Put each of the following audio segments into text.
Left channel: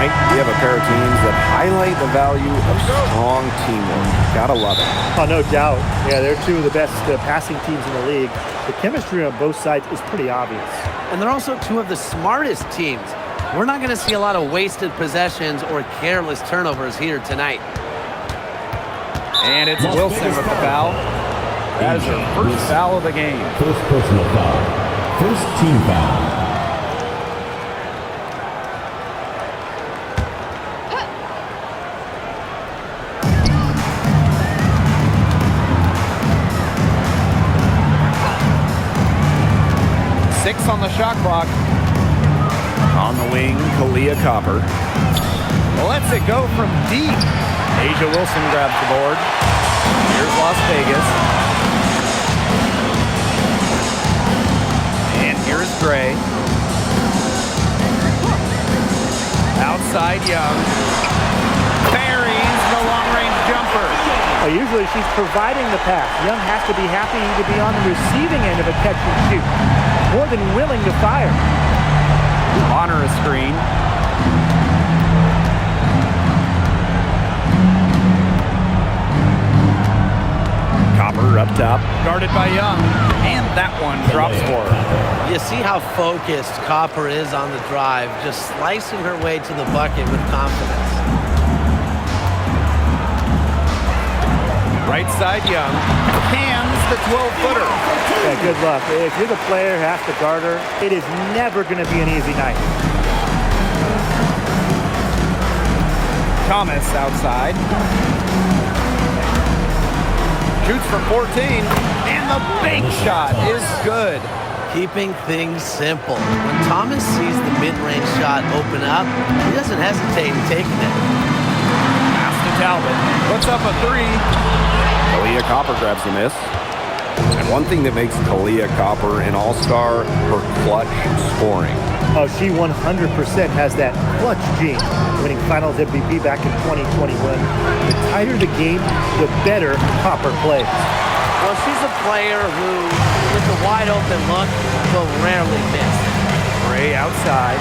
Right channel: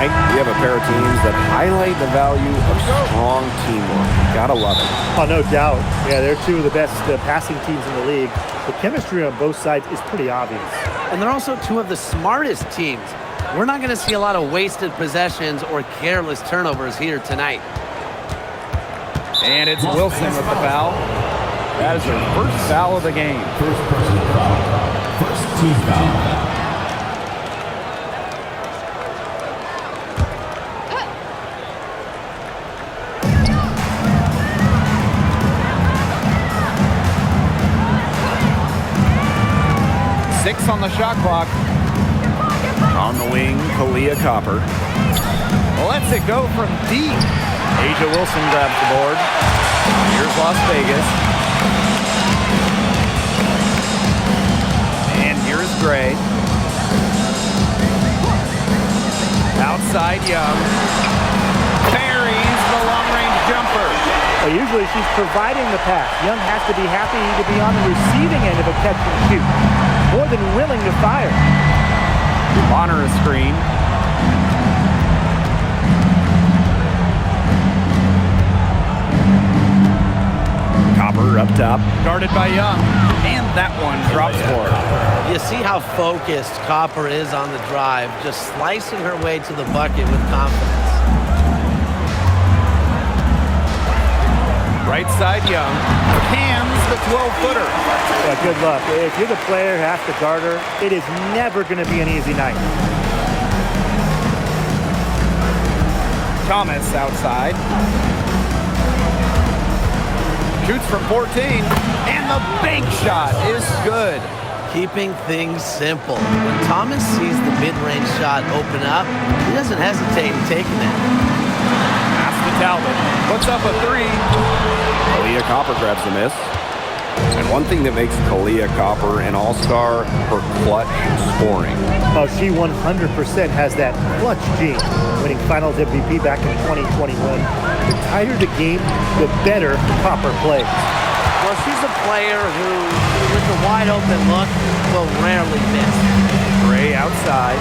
Tonight, we have a pair of teams that highlight the value of strong teamwork. Gotta love it. Oh, no doubt. Yeah, they're two of the best passing teams in the league. The chemistry on both sides is pretty obvious. And they're also two of the smartest teams. We're not going to see a lot of wasted possessions or careless turnovers here tonight. And it's Wilson with the foul. That is her first foul of the game. First personal foul. First team foul. Six on the shot clock. On the wing, Kalia Copper. Lets it go from deep. Asia Wilson grabs the board. Here's Las Vegas. And here's Gray. Outside Young. Buries the long-range jumper. Well, usually she's providing the pass. Young has to be happy to be on the receiving end of a catch and shoot. More than willing to fire. Bonner a screen. Copper up top. Guarded by Young. And that one drops for her. You see how focused Copper is on the drive, just slicing her way to the bucket with confidence. Right side Young. Cams the 12-footer. Yeah, good luck. If you're the player who has to guard her, it is never going to be an easy night. Thomas outside. Shoots from 14. And the bank shot is good. Keeping things simple. When Thomas sees the mid-range shot open up, he doesn't hesitate in taking it. Pass to Talbot. Puts up a three. Kalia Copper grabs the miss. And one thing that makes Kalia Copper an all-star, her clutch scoring. Oh, she 100% has that clutch gene, winning Finals MVP back in 2021. The tighter the game, the better Copper plays. Well, she's a player who, with a wide-open look, will rarely miss. Gray outside.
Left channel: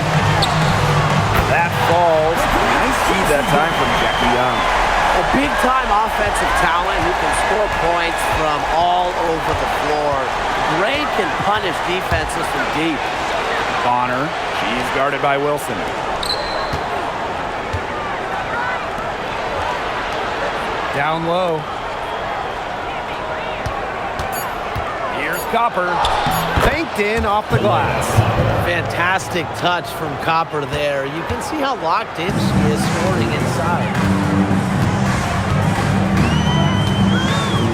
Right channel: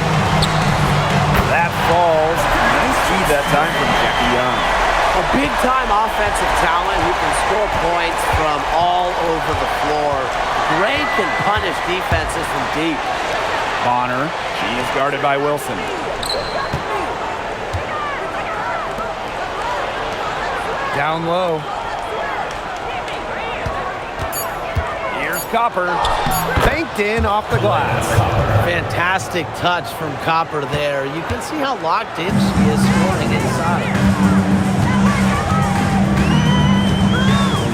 That falls. Nice feed that time from Jackie Young. A big-time offensive talent who can score points from all over the floor. Gray can punish defenses from deep. Bonner. She's guarded by Wilson. Down low. Here's Copper. Banked in off the glass. Fantastic touch from Copper there. You can see how locked in she is scoring inside.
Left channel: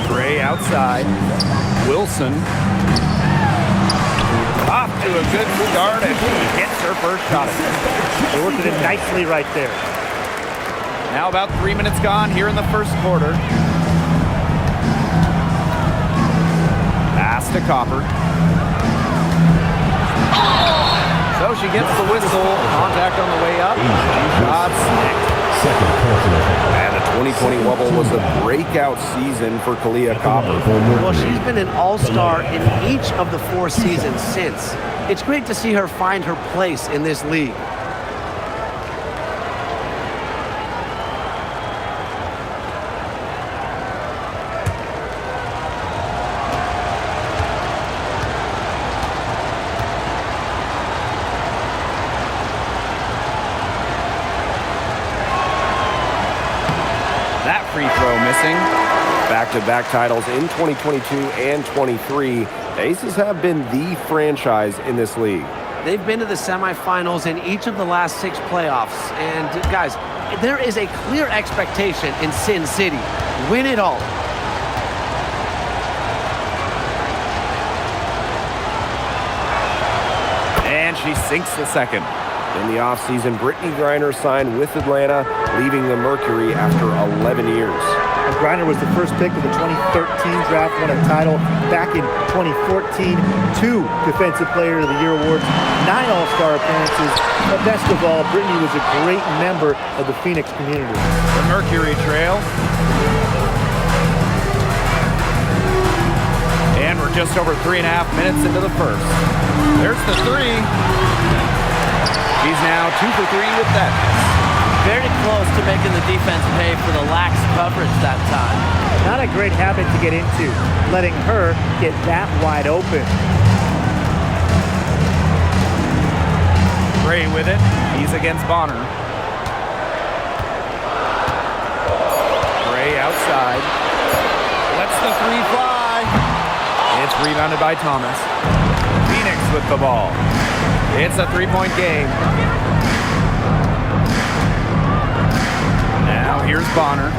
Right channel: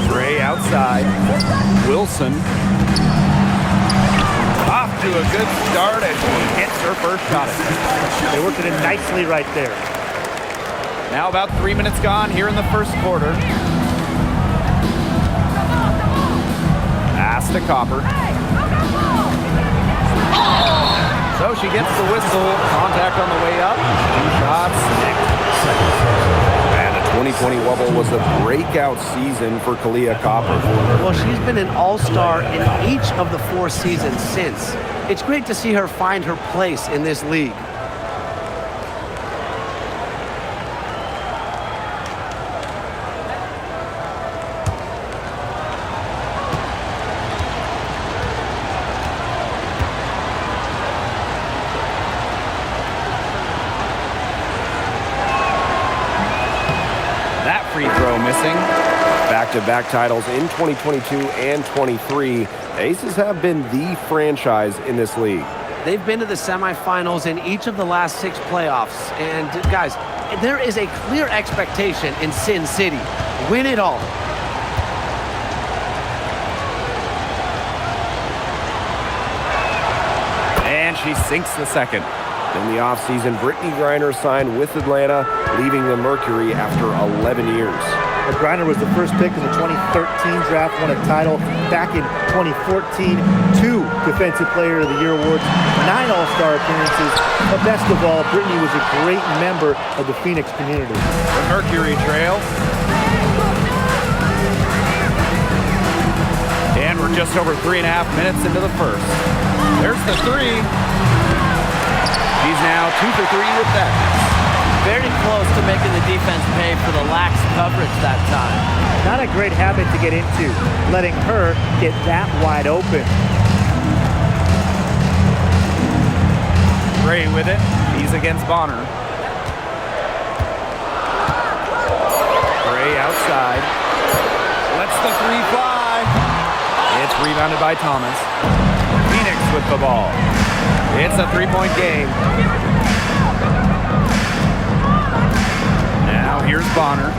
Gray outside. Wilson. Off to a good start as she hits her first shot. They worked it in nicely right there. Now about 3 minutes gone here in the first quarter. Pass to Copper. So she gets the whistle. Contact on the way up. 2 shots. And the 2020 Wubble was a breakout season for Kalia Copper. Well, she's been an all-star in each of the 4 seasons since. It's great to see her find her place in this league. That free throw missing. Back-to-back titles in 2022 and 23. The Aces have been the franchise in this league. They've been to the semifinals in each of the last 6 playoffs. And guys, there is a clear expectation in Sin City. Win it all. And she sinks the second. In the offseason, Brittany Griner signed with Atlanta, leaving the Mercury after 11 years. Griner was the first pick in the 2013 draft, won a title back in 2014, 2 Defensive Player of the Year awards, 9 All-Star appearances, but best of all, Brittany was a great member of the Phoenix community. The Mercury trail. And we're just over 3.5 minutes into the first. There's the three. She's now 2 for 3 with that miss. Very close to making the defense pay for the lax coverage that time. Not a great habit to get into, letting her get that wide open. Gray with it. He's against Bonner. Gray outside. Lets the three fly. It's rebounded by Thomas. Phoenix with the ball. It's a three-point game. Now here's Bonner.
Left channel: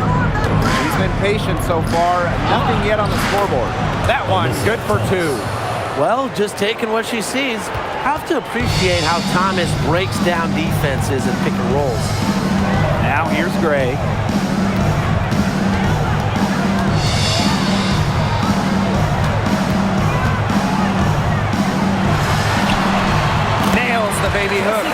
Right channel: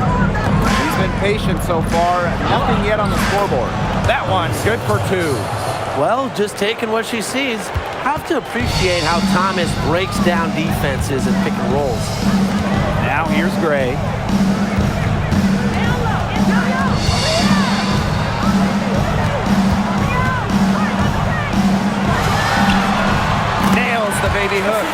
She's been patient so far. Nothing yet on the scoreboard. That one's good for two. Well, just taking what she sees. Have to appreciate how Thomas breaks down defenses and pick and rolls. Now here's Gray. Nails the baby hook.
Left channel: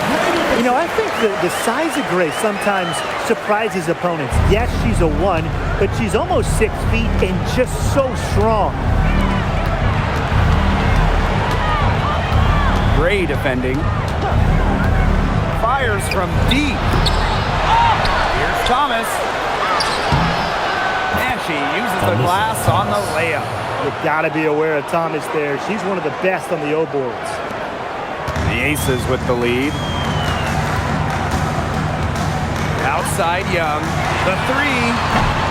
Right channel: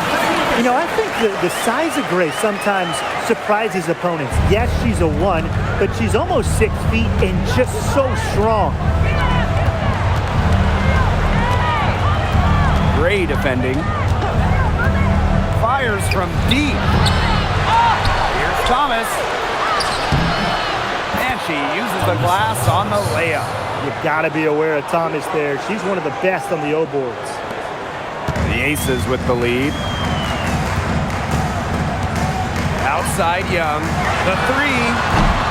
You know, I think the size of Gray sometimes surprises opponents. Yes, she's a 1, but she's almost 6 feet and just so strong. Gray defending. Fires from deep. Here's Thomas. And she uses the glass on the layup. You gotta be aware of Thomas there. She's one of the best on the O boards. The Aces with the lead. Outside Young. The three.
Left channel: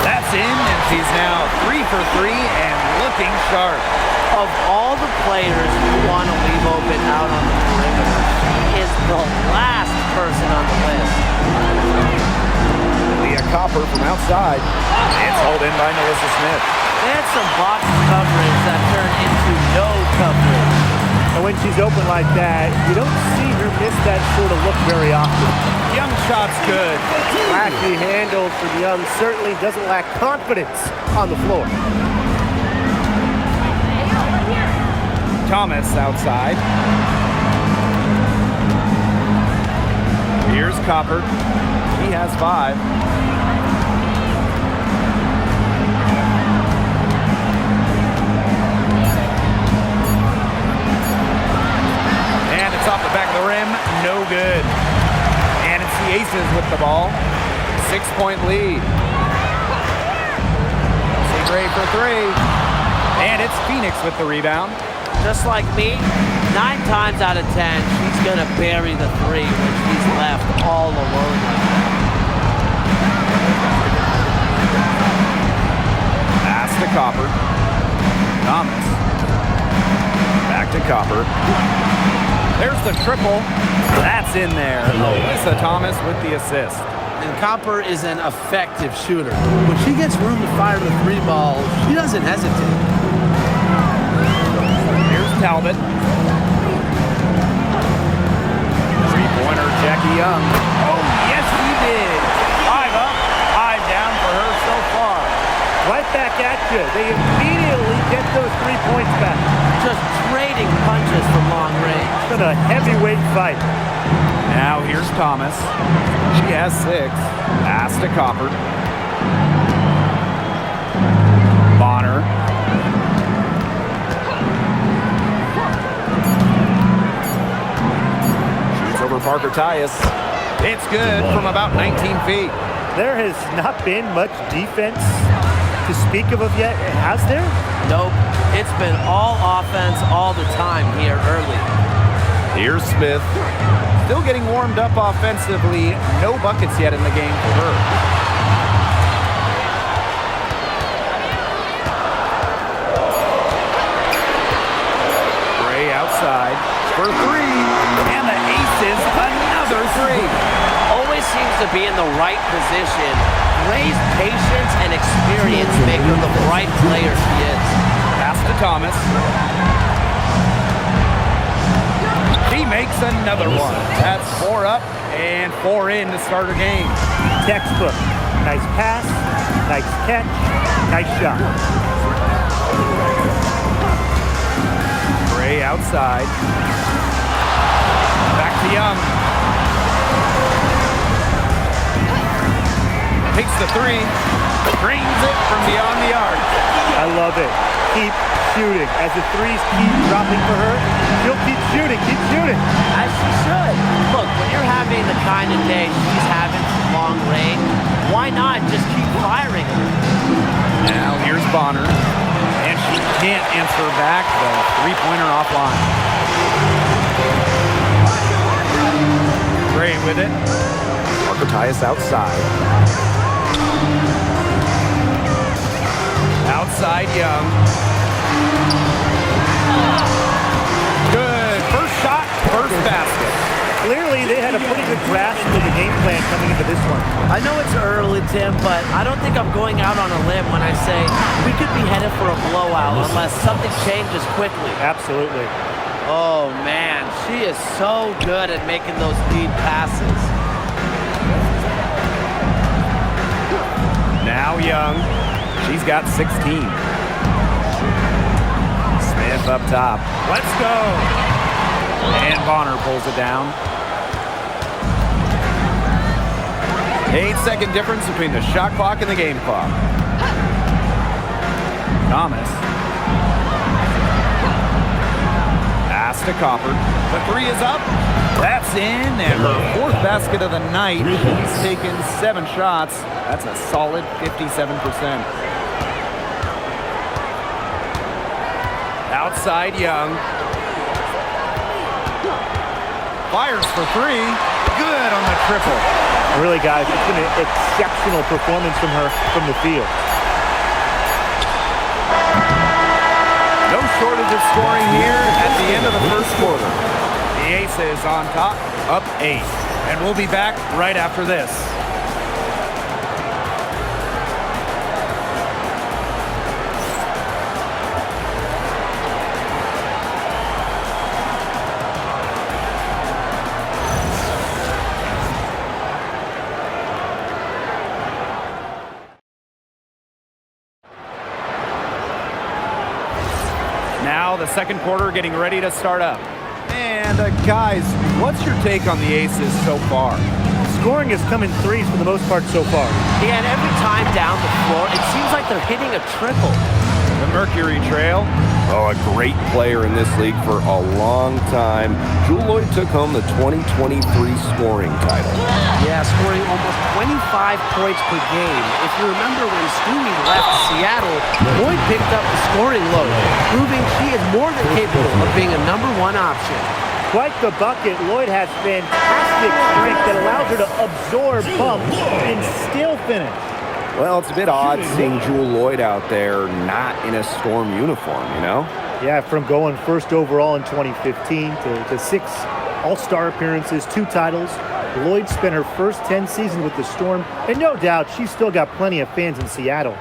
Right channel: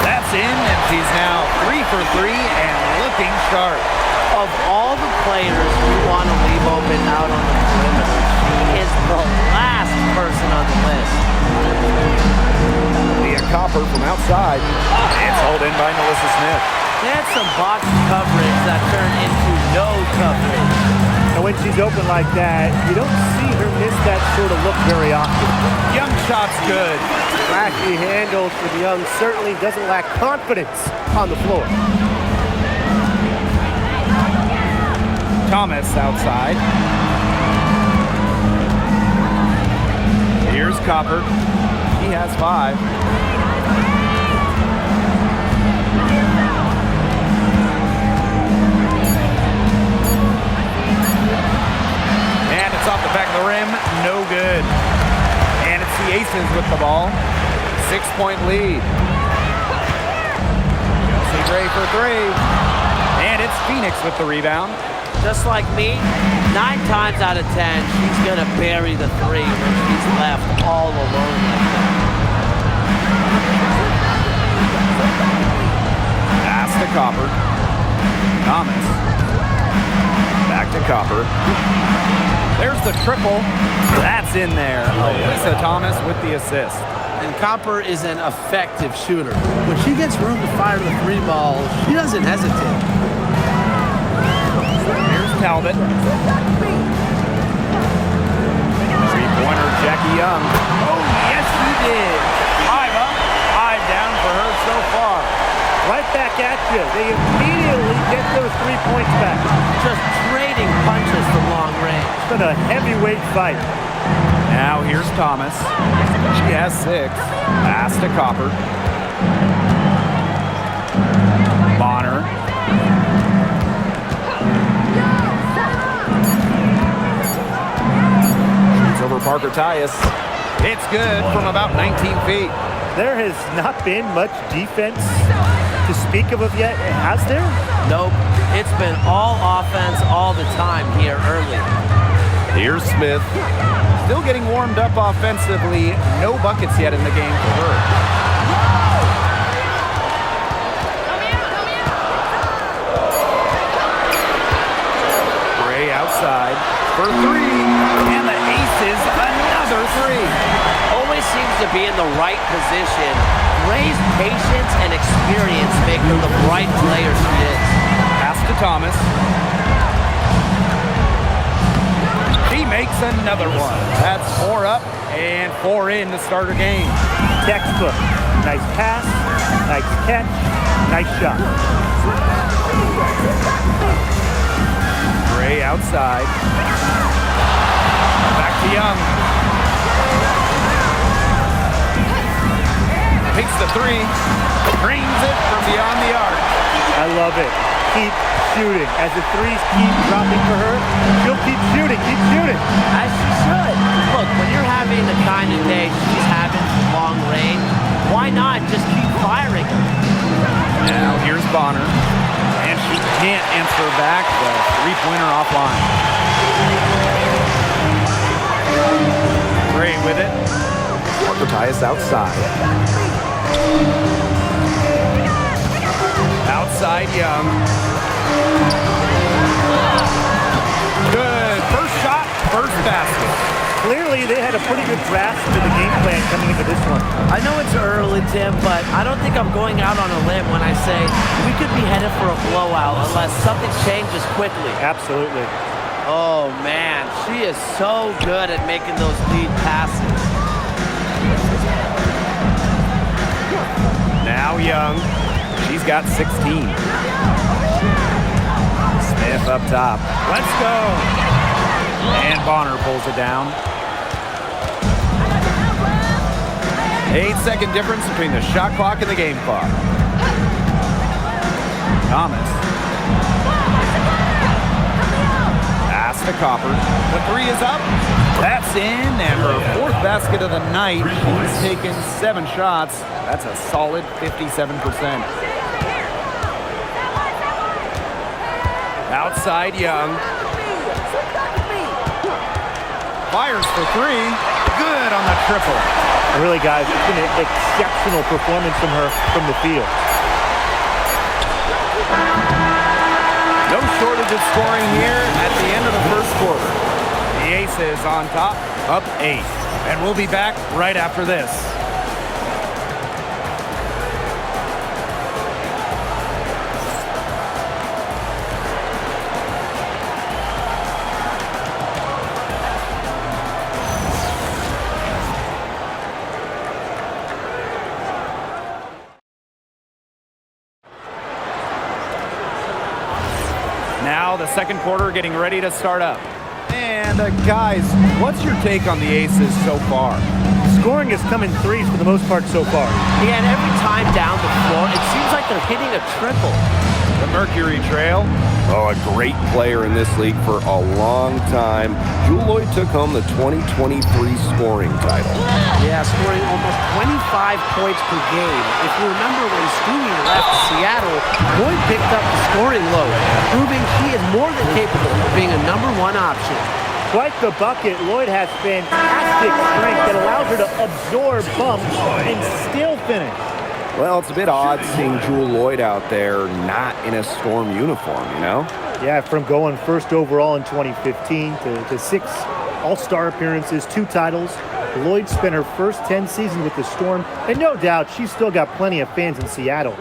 That's in, and she's now 3 for 3 and looking sharp. Of all the players you want to leave open out on the perimeter, she is the last person on the list. Leah Copper from outside. It's hauled in by Melissa Smith. They had some box coverage that turned into no coverage. And when she's open like that, you don't see her miss that sort of look very often. Young shot's good. Flashy handles for the Young, certainly doesn't lack confidence on the floor. Thomas outside. Here's Copper. He has 5. And it's off the back of the rim. No good. And it's the Aces with the ball. 6-point lead. Chelsea Gray for 3. And it's Phoenix with the rebound. Just like me, 9 times out of 10, she's going to bury the 3 when she's left all alone like that. Pass to Copper. Thomas. Back to Copper. There's the triple. That's in there. Alyssa Thomas with the assist. And Copper is an effective shooter. When she gets room to fire the 3 ball, she doesn't hesitate. Here's Talbot. Three-pointer, Jackie Young. Oh, yes, she did. 5 up, 5 down for her so far. Right back at you. They immediately get those 3 points back. Just trading punches from long range. It's been a heavyweight fight. Now here's Thomas. She has 6. Pass to Copper. Bonner. Over Parker Tyus. It's good from about 19 feet. There has not been much defense to speak of yet, has there? Nope. It's been all offense all the time here early. Here's Smith. Still getting warmed up offensively. No buckets yet in the game for her. Gray outside for 3. And the Aces, another 3. Always seems to be in the right position. Gray's patience and experience make her the bright player she is. Pass to Thomas. She makes another one. That's 4 up and 4 in to start her game. Textbook. Nice pass, nice catch, nice shot. Gray outside. Back to Young. Takes the 3. Drains it from beyond the arc. I love it. Keep shooting. As the 3s keep dropping for her, she'll keep shooting, keep shooting. As she should. Look, when you're having the kind of day she's having, long range, why not just keep firing them? Now here's Bonner. And she can't answer back the three-pointer offline. Gray with it. Mercury outside. Outside Young. Good. First shot, first basket. Clearly, they had a pretty good grasp of the game plan coming into this one. I know it's early, Tim, but I don't think I'm going out on a limb when I say we could be headed for a blowout unless something changes quickly. Absolutely. Oh, man, she is so good at making those lead passes. Now Young. She's got 16. Smith up top. Let's go. And Bonner pulls it down. 8-second difference between the shot clock and the game clock. Thomas. Pass to Copper. The three is up. That's in, and her fourth basket of the night. She's taken 7 shots. That's a solid 57%. Outside Young. Fires for 3. Good on the triple. Really, guys, it's been an exceptional performance from her from the field. No shortage of scoring here at the end of the first quarter. The Aces on top, up 8. And we'll be back right after this. Now the second quarter getting ready to start up. And guys, what's your take on the Aces so far? Scoring has come in threes for the most part so far. Yeah, and every time down the floor, it seems like they're hitting a triple. The Mercury trail. Oh, a great player in this league for a long time. Jewel Lloyd took home the 2023 scoring title. Yeah, scoring almost 25 points per game. If you remember when Stewie left Seattle, Lloyd picked up the scoring load, proving she is more than capable of being a #1 option. Quite the bucket. Lloyd has fantastic strength that allows her to absorb bumps and still finish. Well, it's a bit odd seeing Jewel Lloyd out there not in a Storm uniform, you know? Yeah, from going first overall in 2015 to 6 All-Star appearances, 2 titles. Lloyd spent her first 10 seasons with the Storm, and no doubt she's still got plenty of fans in Seattle.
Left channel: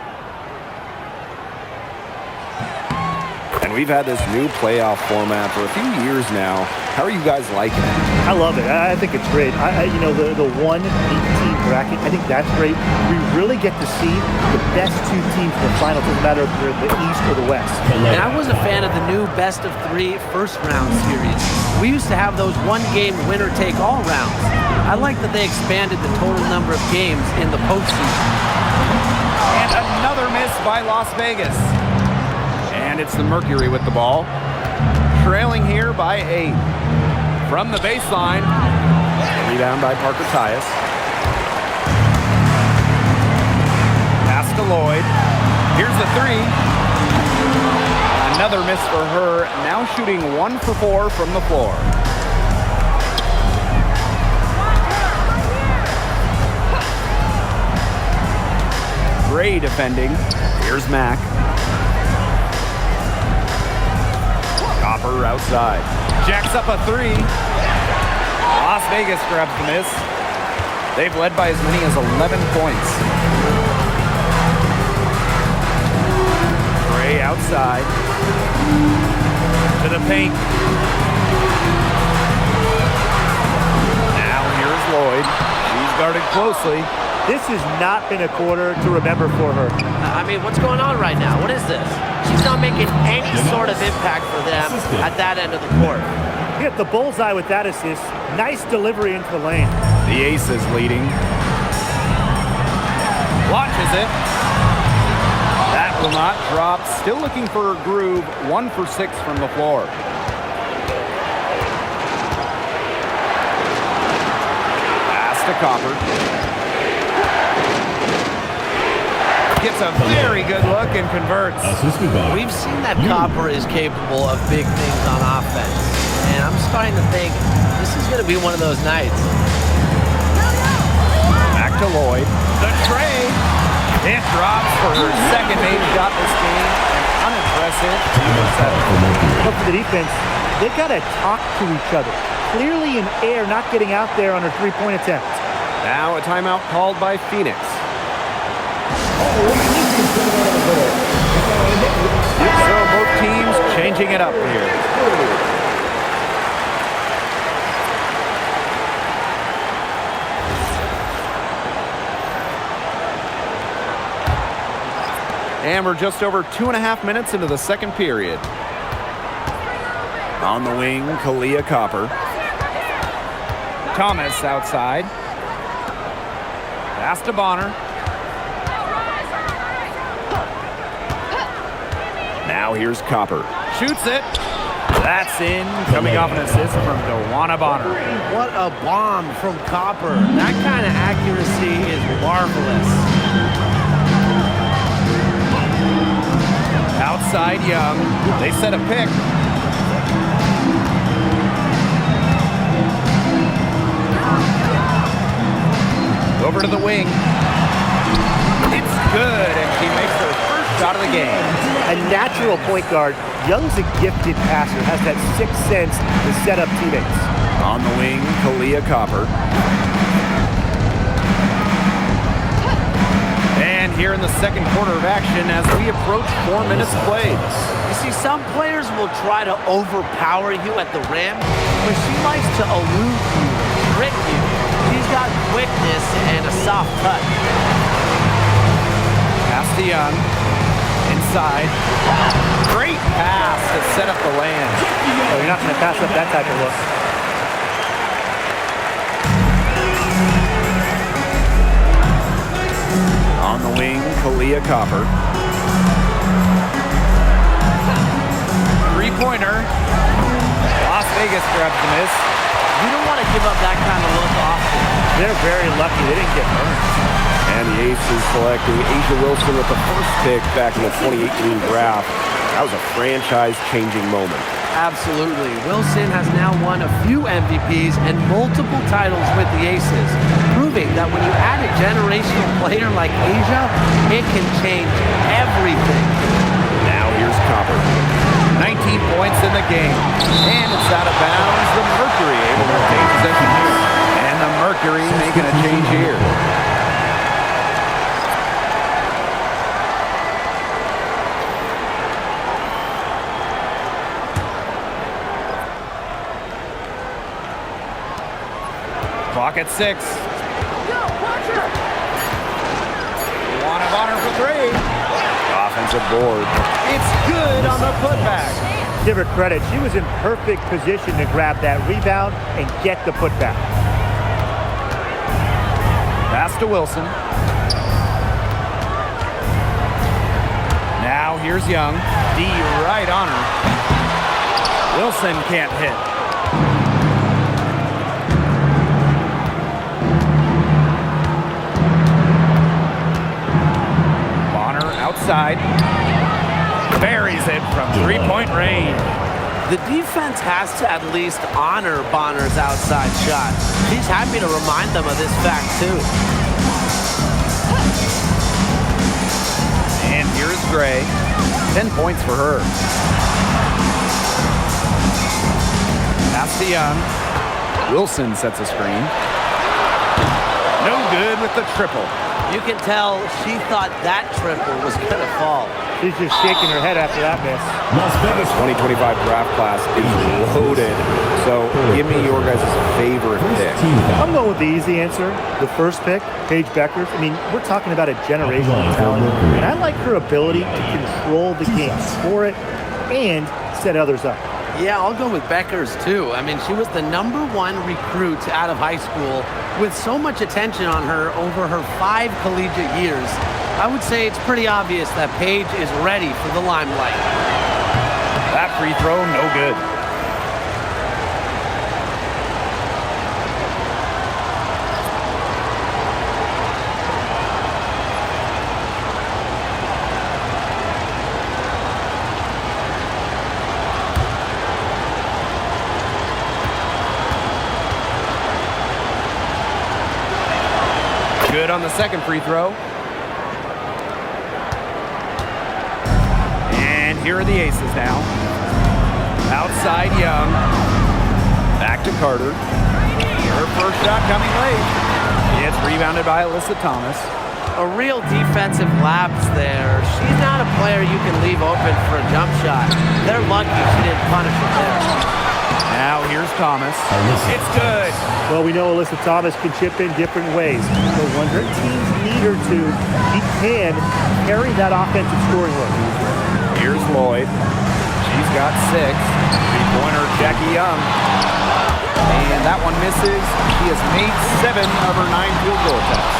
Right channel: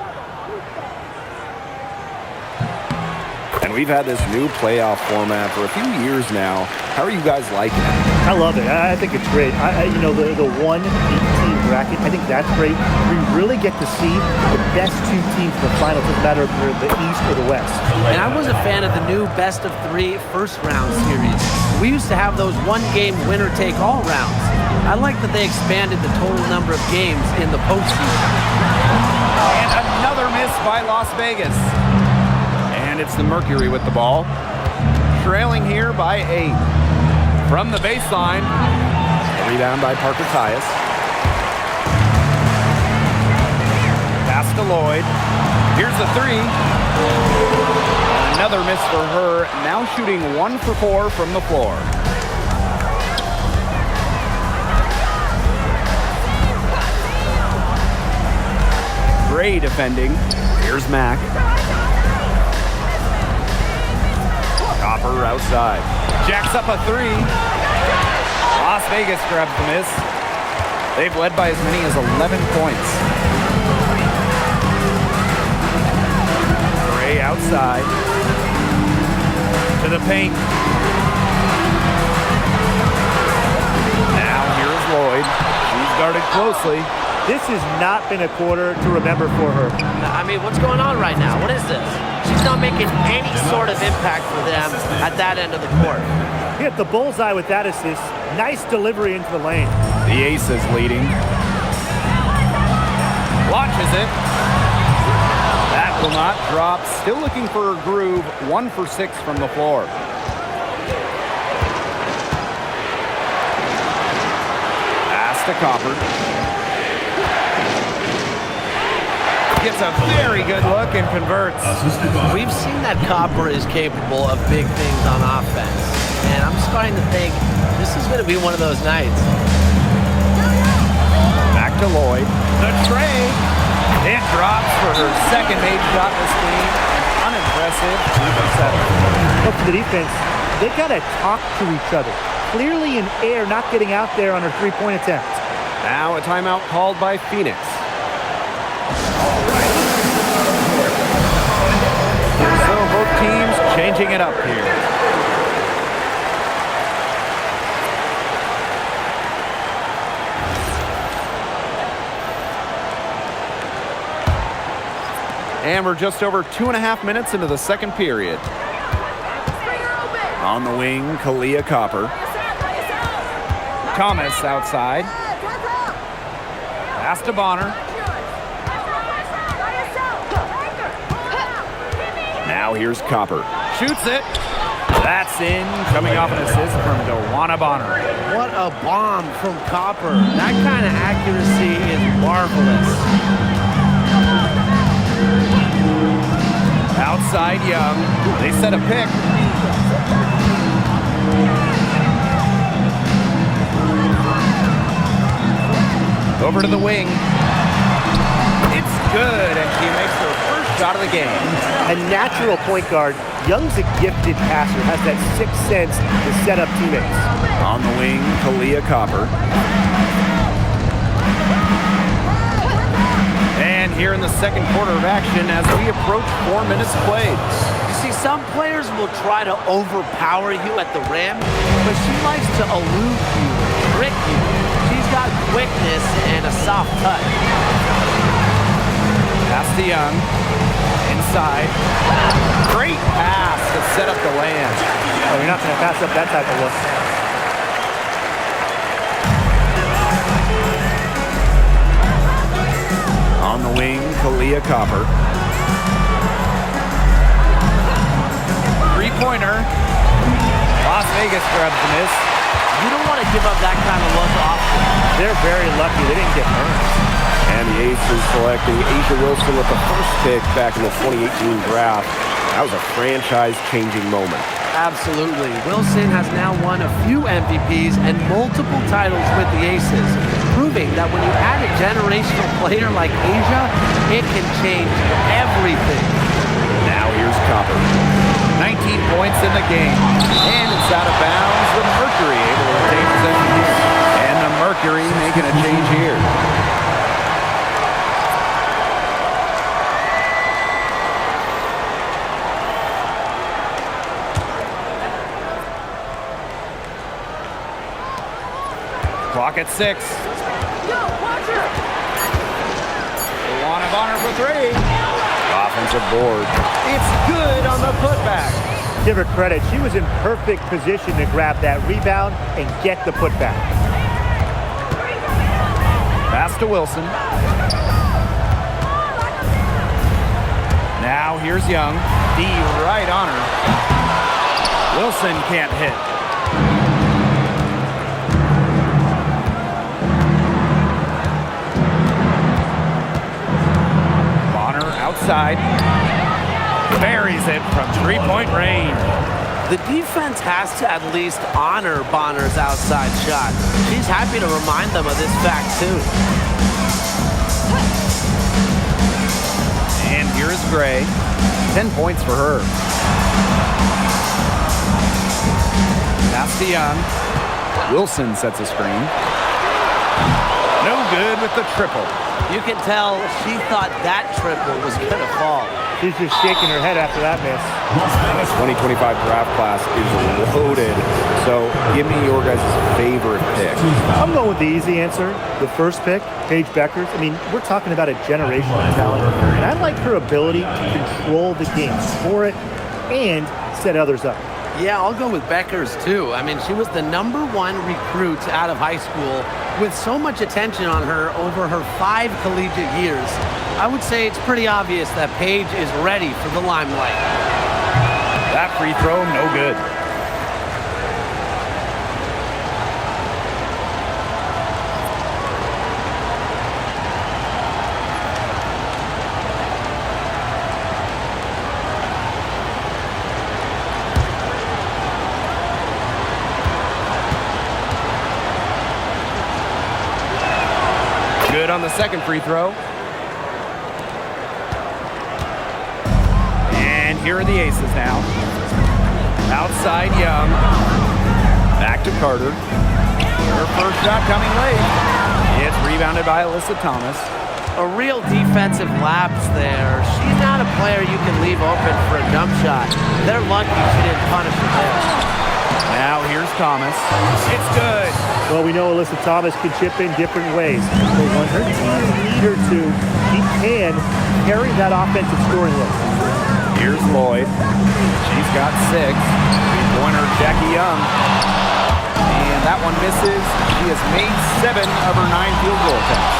And we've had this new playoff format for a few years now. How are you guys liking it? I love it. I think it's great. You know, the 1-8 bracket, I think that's great. We really get to see the best 2 teams in the final. It doesn't matter if they're the East or the West. And I was a fan of the new best-of-3 first-round series. We used to have those one-game winner-take-all rounds. I like that they expanded the total number of games in the postseason. And another miss by Las Vegas. And it's the Mercury with the ball. Trailing here by 8. From the baseline. A rebound by Parker Tyus. Pass to Lloyd. Here's the 3. Another miss for her. Now shooting 1 for 4 from the floor. Gray defending. Here's Mack. Copper outside. Jacks up a 3. Las Vegas grabs the miss. They've led by as many as 11 points. Gray outside. To the paint. Now here is Lloyd. She's guarded closely. This has not been a quarter to remember for her. I mean, what's going on right now? What is this? She's not making any sort of impact for them at that end of the court. Hit the bullseye with that assist. Nice delivery into the lane. The Aces leading. Launches it. That will not drop. Still looking for her groove. 1 for 6 from the floor. Pass to Copper. Gets a very good look and converts. Assisted by We've seen that Copper is capable of big things on offense, and I'm starting to think this is going to be one of those nights. Back to Lloyd. The tray. It drops for her second made shot this game. An unimpressive 2 for 7. But for the defense, they got to talk to each other. Clearly in air, not getting out there on her three-point attempt. Now a timeout called by Phoenix. So both teams changing it up here. And we're just over 2.5 minutes into the second period. On the wing, Kalia Copper. Thomas outside. Pass to Bonner. Now here's Copper. Shoots it. That's in. Coming off an assist from Dewana Bonner. What a bomb from Copper. That kind of accuracy is marvelous. Outside Young. They set a pick. Over to the wing. It's good, and she makes her first shot of the game. A natural point guard. Young's a gifted passer, has that sixth sense to set up teammates. On the wing, Kalia Copper. And here in the second quarter of action as we approach 4 minutes played. You see, some players will try to overpower you at the rim, but she likes to elude you and trick you. She's got quickness and a soft touch. Pass to Young. Inside. Great pass to set up the land. Oh, you're not going to pass up that type of look. On the wing, Kalia Copper. Three-pointer. Las Vegas grabs the miss. You don't want to give up that kind of look often. They're very lucky they didn't get burned. And the Aces selecting Asia Wilson with the first pick back in the 2018 draft. That was a franchise-changing moment. Absolutely. Wilson has now won a few MVPs and multiple titles with the Aces, proving that when you add a generational player like Asia, it can change everything. Now here's Copper. 19 points in the game. And it's out of bounds. The Mercury able to retain possession here. And the Mercury making a change here. Clock at 6. Dewana Bonner for 3. Offensive board. It's good on the putback. Give her credit. She was in perfect position to grab that rebound and get the putback. Pass to Wilson. Now here's Young. D right on her. Wilson can't hit. Outside. Buries it from three-point range. The defense has to at least honor Bonner's outside shot. She's happy to remind them of this fact, too. And here is Gray. 10 points for her. Pass to Young. Wilson sets a screen. No good with the triple. You can tell she thought that triple was going to fall. She's just shaking her head after that miss. The 2025 draft class is loaded. So give me your guys' favorite pick. I'm going with the easy answer. The first pick, Paige Beckers. I mean, we're talking about a generational talent. And I like her ability to control the game, score it, and set others up. Yeah, I'll go with Beckers, too. I mean, she was the #1 recruit out of high school with so much attention on her over her 5 collegiate years. I would say it's pretty obvious that Paige is ready for the limelight. That free throw, no good. Good on the second free throw. And here are the aces now. Outside Young. Back to Carter. Her first shot coming late. It's rebounded by Alyssa Thomas. A real defensive lapse there. She's not a player you can leave open for a jump shot. They're lucky she didn't punish her there. Now here's Thomas. It's good. Well, we know Alyssa Thomas can chip in different ways, but when her teams need her to, she can carry that offensive scoring load. Here's Lloyd. She's got 6. Three-pointer, Jackie Young. And that one misses. She has made 7 of her 9 field goal attempts.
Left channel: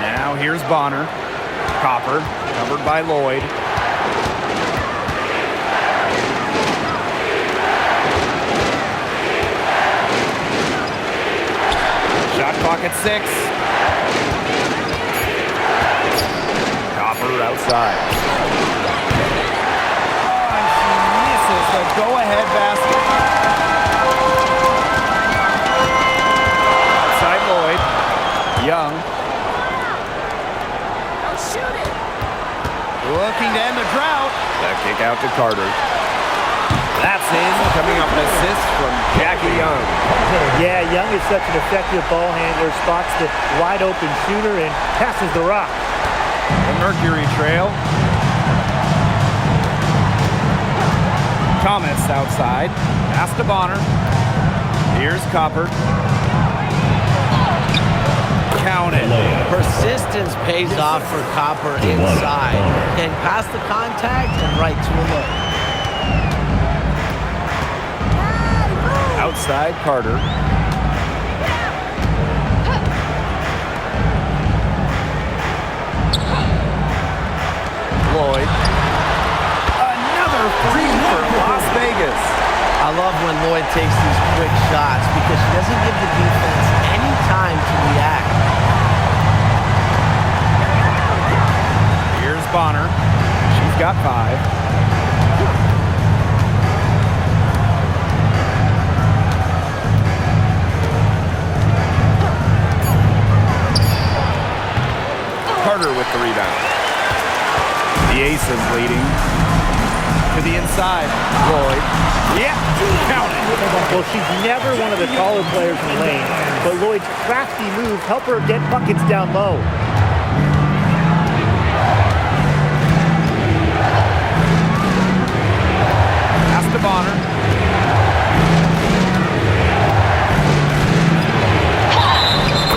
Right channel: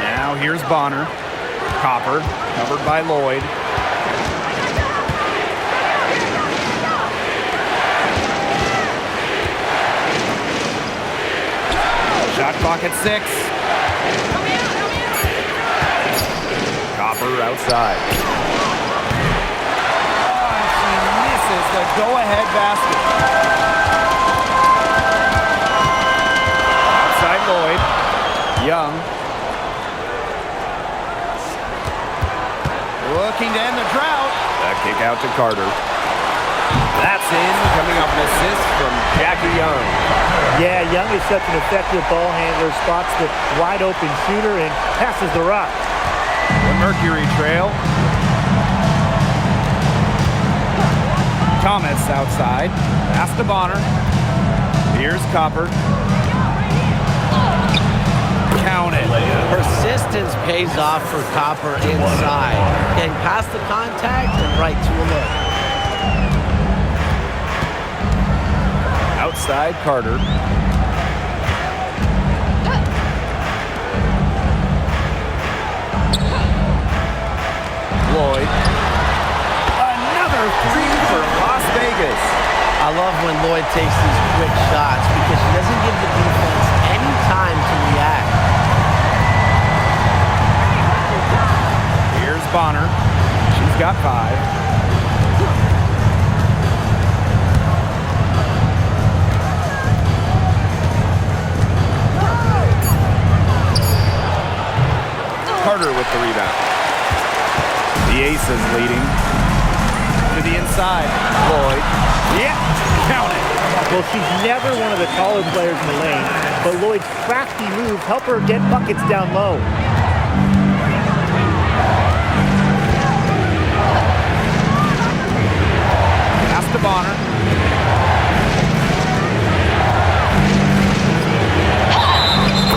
Now here's Bonner. Copper, covered by Lloyd. Shot clock at 6. Copper outside. Oh, and she misses the go-ahead basket. Outside Lloyd. Young. Looking to end the drought. That kick out to Carter. That's in, coming off an assist from Jackie Young. Yeah, Young is such an effective ball handler, spots the wide open shooter and passes the rock. The Mercury trail. Thomas outside. Pass to Bonner. Here's Copper. Count it. Persistence pays off for Copper inside. Getting past the contact and right to a look. Outside Carter. Lloyd. Another 3 for Las Vegas. I love when Lloyd takes these quick shots because she doesn't give the defense any time to react. Here's Bonner. She's got 5. Carter with the rebound. The Aces leading. To the inside. Lloyd. Yeah, count it. Well, she's never one of the taller players in the lane, but Lloyd's crafty moves help her get buckets down low. Pass to Bonner.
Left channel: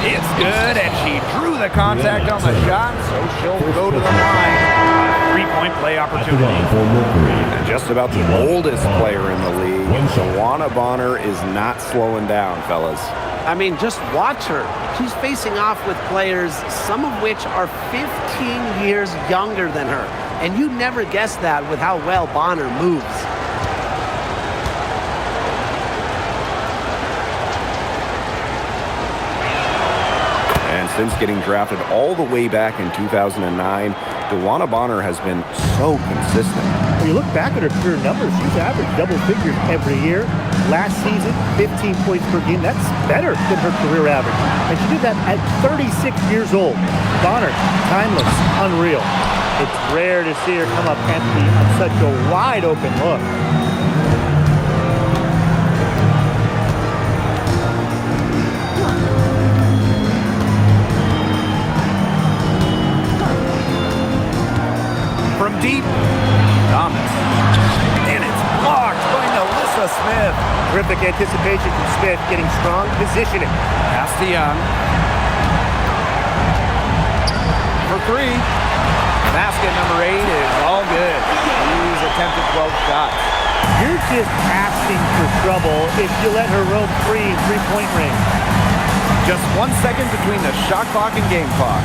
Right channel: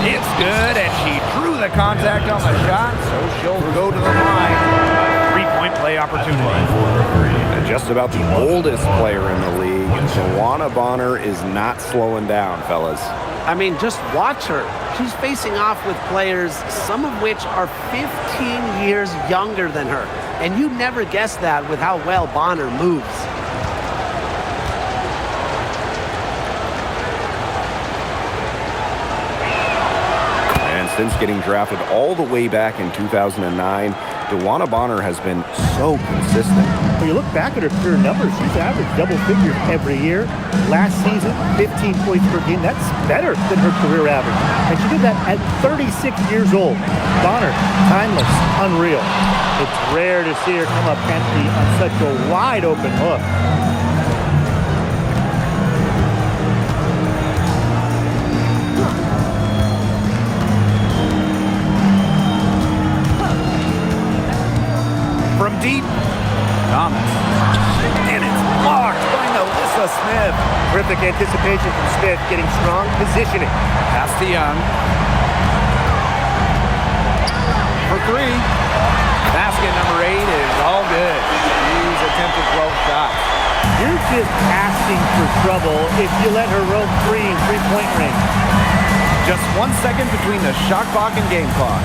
It's good, and she drew the contact on the shot, so she'll go to the line. A 3-point play opportunity. And just about the oldest player in the league, Shawana Bonner is not slowing down, fellas. I mean, just watch her. She's facing off with players, some of which are 15 years younger than her. And you'd never guess that with how well Bonner moves. And since getting drafted all the way back in 2009, DeWanna Bonner has been so consistent. When you look back at her career numbers, she's averaged double figures every year. Last season, 15 points per game. That's better than her career average. And she did that at 36 years old. Bonner, timeless, unreal. It's rare to see her come up empty on such a wide open look. From deep, Thomas. And it's blocked by Nalissa Smith. Terrific anticipation from Smith, getting strong positioning. Pass to Young. For 3. Basket number 8 is all good. She's attempted 12 shots. You're just asking for trouble if you let her roam free in three-point range. Just 1 second between the shot clock and game clock.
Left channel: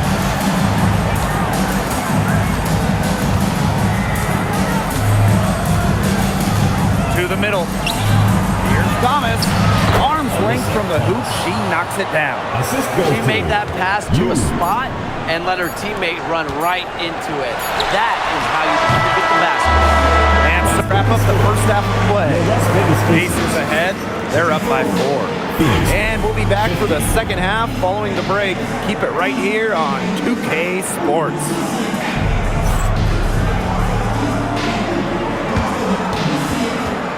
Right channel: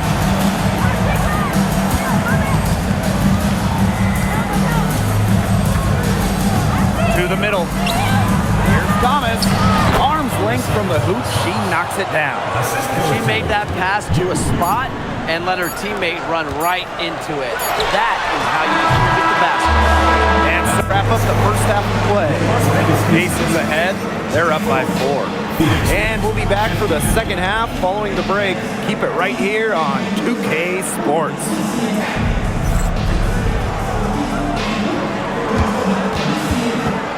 To the middle. Here's Thomas. Arms length from the hoop. She knocks it down. She made that pass to a spot and let her teammate run right into it. That is how you distribute the basketball. And to wrap up the first half of play. Aces ahead. They're up by 4. And we'll be back for the second half following the break. Keep it right here on 2K Sports.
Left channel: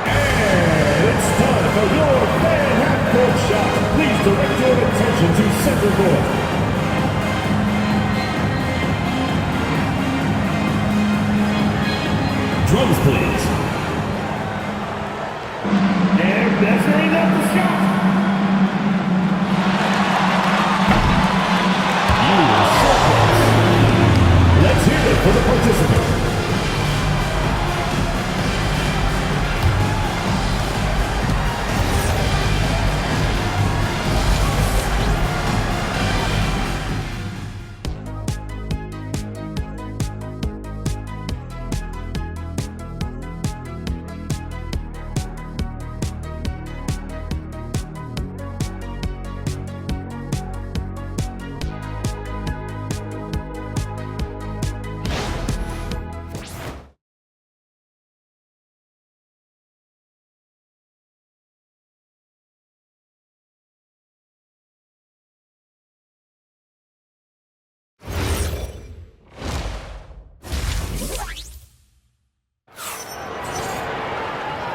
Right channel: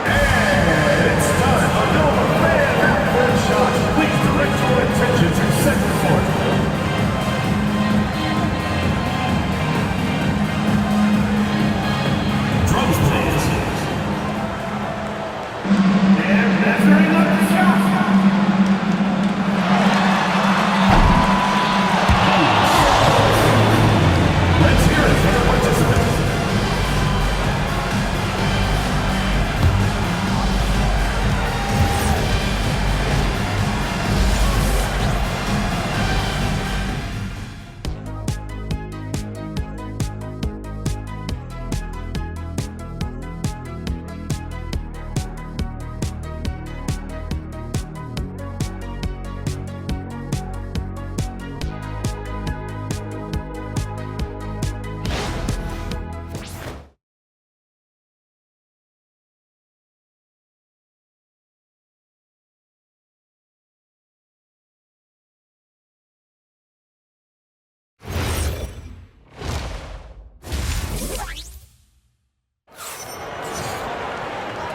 And it's time for your fan half-court shot. Please direct your attention to center court. Drums, please. They're measuring up the shot. Let's hear it for the participant.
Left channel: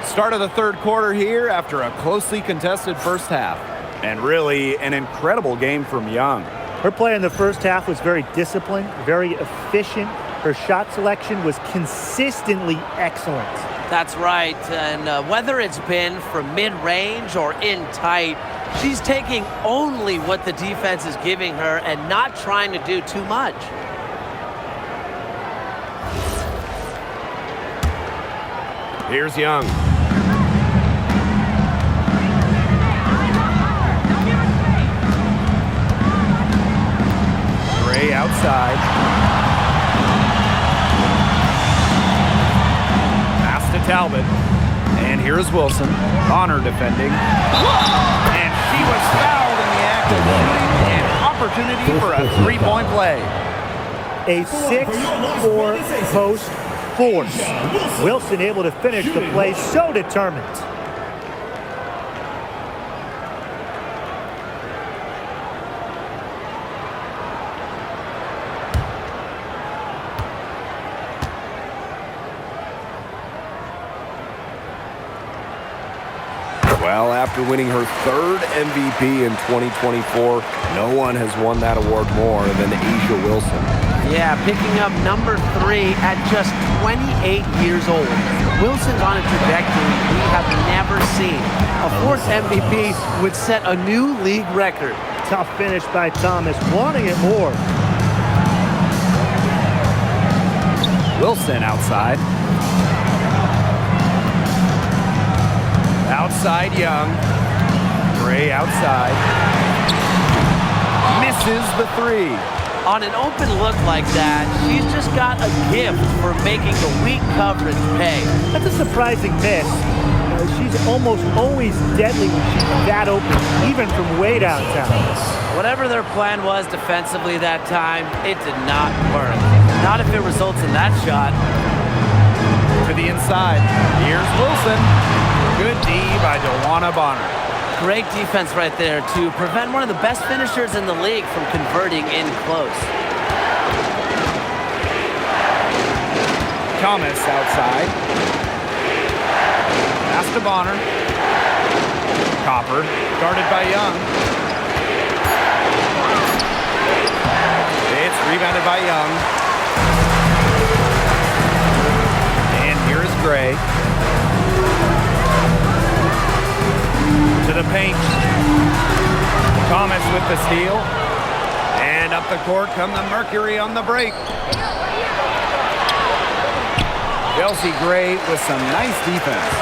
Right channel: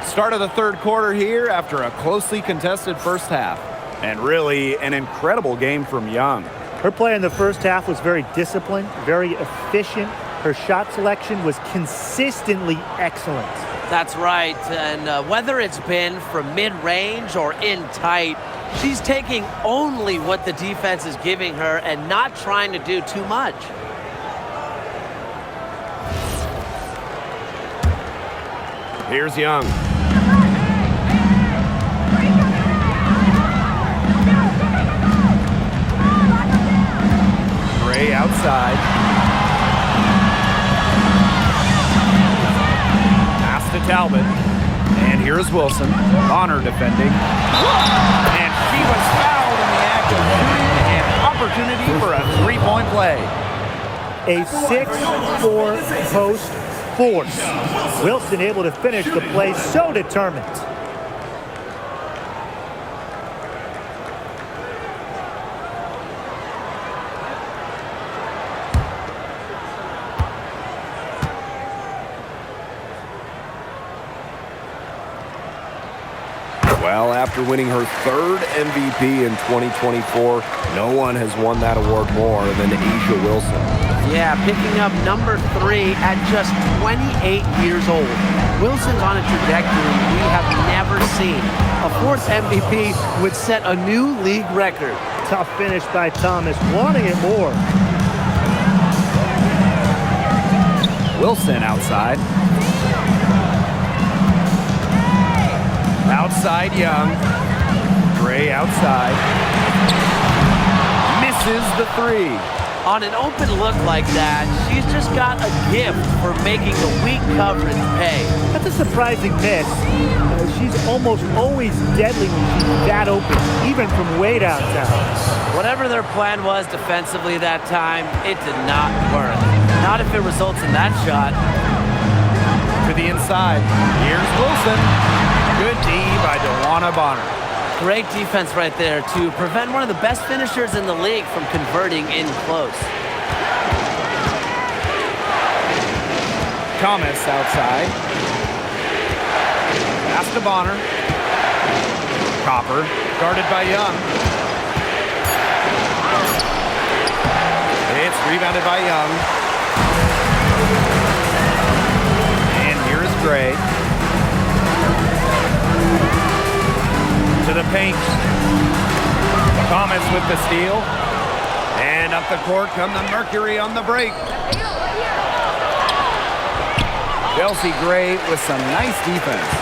Start of the third quarter here after a closely contested first half. And really an incredible game from Young. Her play in the first half was very disciplined, very efficient. Her shot selection was consistently excellent. That's right, and whether it's been from mid-range or in tight, she's taking only what the defense is giving her and not trying to do too much. Here's Young. Gray outside. Pass to Talbot. And here's Wilson. Bonner defending. And she was fouled in the act of shooting. An opportunity for a three-point play. A 6-4 post force. Wilson able to finish the play, so determined. Well, after winning her third MVP in 2024, no one has won that award more than Asia Wilson. Yeah, picking up number 3 at just 28 years old. Wilson's on a trajectory we have never seen. A 4th MVP would set a new league record. Tough finish by Thomas, wanting it more. Wilson outside. Outside Young. Gray outside. Misses the 3. On an open look like that, she's just got a gift for making the weak coverage pay. That's a surprising miss. She's almost always deadly when she's that open, even from way downtown. Whatever their plan was defensively that time, it did not work. Not if it results in that shot. To the inside. Here's Wilson. Good D by DeWanna Bonner. Great defense right there to prevent one of the best finishers in the league from converting in close. Thomas outside. Pass to Bonner. Copper guarded by Young. It's rebounded by Young. And here is Gray. To the paint. Thomas with the steal. And up the court come the Mercury on the break. Chelsea Gray with some nice defense.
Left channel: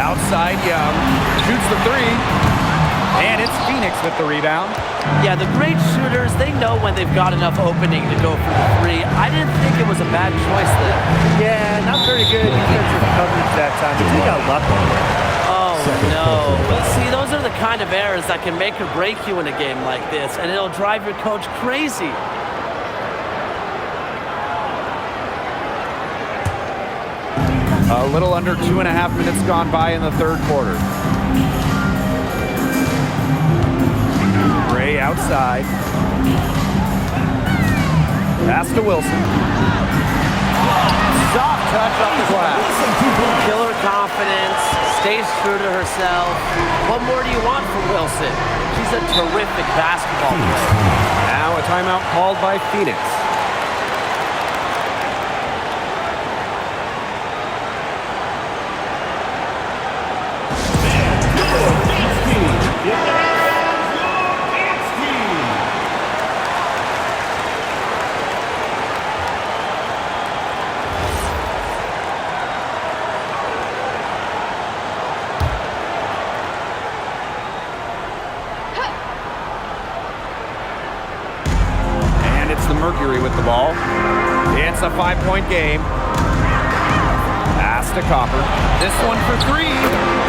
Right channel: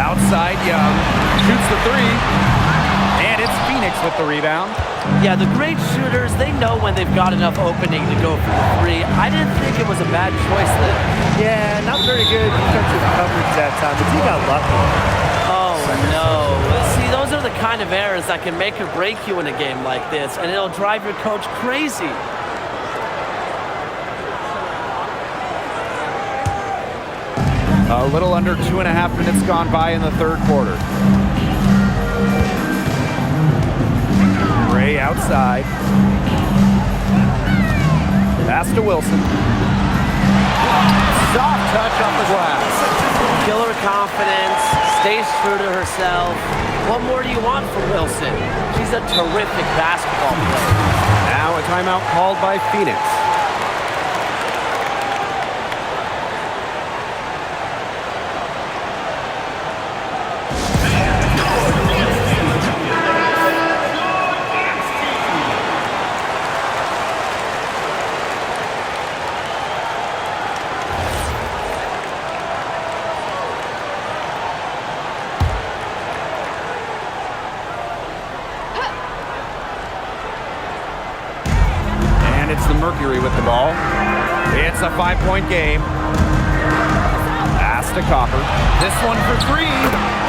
Outside Young. Shoots the 3. And it's Phoenix with the rebound. Yeah, the great shooters, they know when they've got enough opening to go for the 3. I didn't think it was a bad choice there. Yeah, not very good defensive coverage that time. The team got lucky. Oh, no. See, those are the kind of errors that can make or break you in a game like this, and it'll drive your coach crazy. A little under 2.5 minutes gone by in the third quarter. Gray outside. Pass to Wilson. Soft touch off the glass. Killer confidence, stays true to herself. What more do you want from Wilson? She's a terrific basketball player. Now a timeout called by Phoenix. And it's the Mercury with the ball. It's a 5-point game. Pass to Copper. This one for three.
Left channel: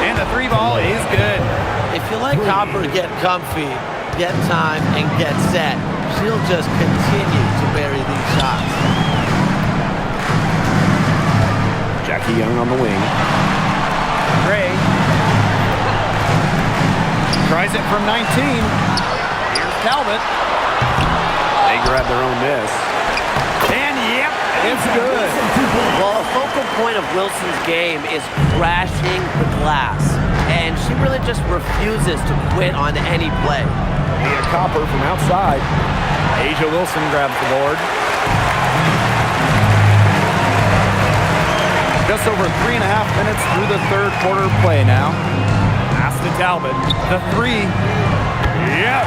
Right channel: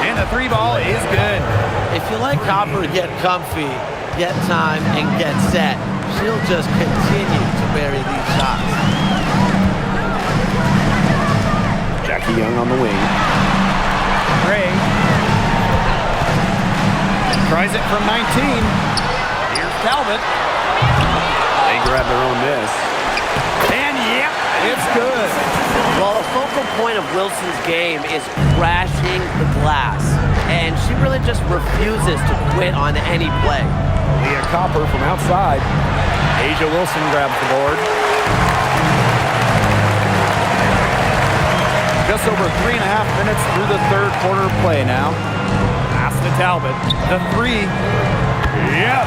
And the three ball is good. If you let Copper get comfy, get time, and get set, she'll just continue to bury these shots. Jackie Young on the wing. Gray tries it from 19. Here's Talbot. They grab their own miss. And yep, it's good. Well, a focal point of Wilson's game is crashing the glass, and she really just refuses to quit on any play. Leah Copper from outside. Asia Wilson grabs the board. Just over 3.5 minutes through the third quarter play now. Pass to Talbot. The three. Yes!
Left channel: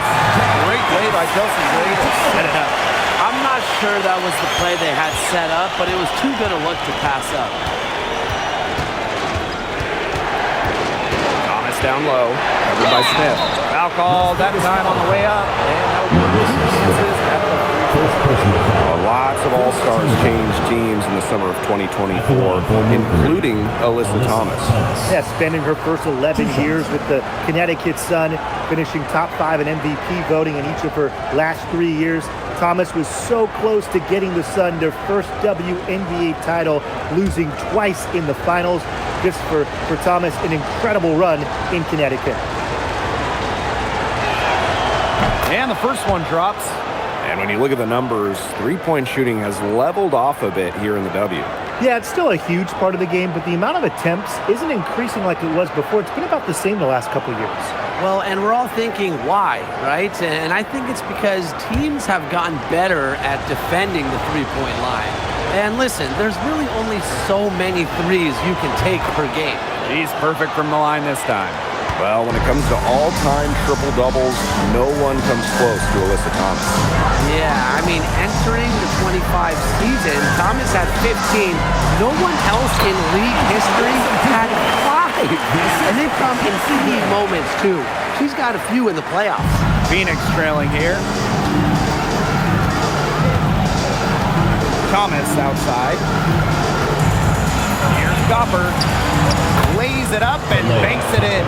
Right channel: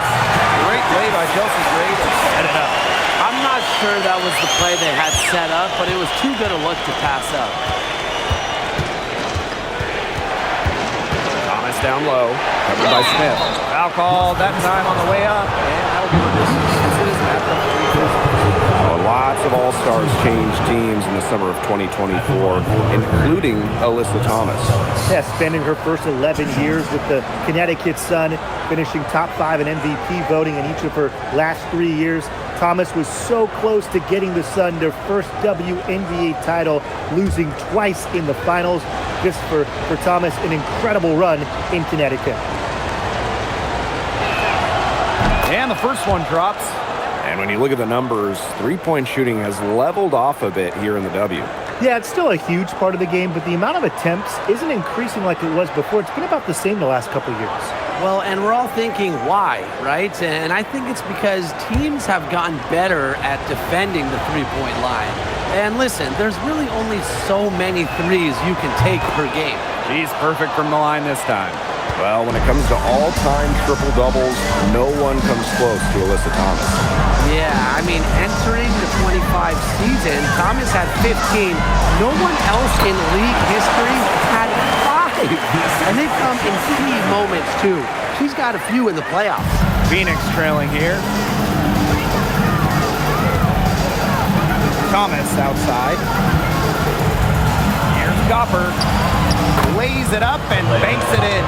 Great play by Chelsea Gray to set it up. I'm not sure that was the play they had set up, but it was too good a look to pass up. Thomas down low. Covered by Smith. Foul call that time on the way up, and that will give her chances at the free throw. Lots of All-Stars changed teams in the summer of 2024, including Alyssa Thomas. Yeah, spending her first 11 years with the Connecticut Sun, finishing top 5 in MVP voting in each of her last 3 years. Thomas was so close to getting the Sun their first WNBA title, losing twice in the finals. Just for Thomas, an incredible run in Connecticut. And the first one drops. And when you look at the numbers, three-point shooting has leveled off a bit here in the W. Yeah, it's still a huge part of the game, but the amount of attempts isn't increasing like it was before. It's been about the same the last couple years. Well, and we're all thinking why, right? And I think it's because teams have gotten better at defending the three-point line. And listen, there's really only so many threes you can take per game. She's perfect from the line this time. Well, when it comes to all-time triple-doubles, no one comes close to Alyssa Thomas. Yeah, I mean, entering the 25 season, Thomas had 15. No one else in league history had 5. And they come in key moments, too. She's got a few in the playoffs. Phoenix trailing here. Thomas outside. Here's Copper. Lays it up and banks it in.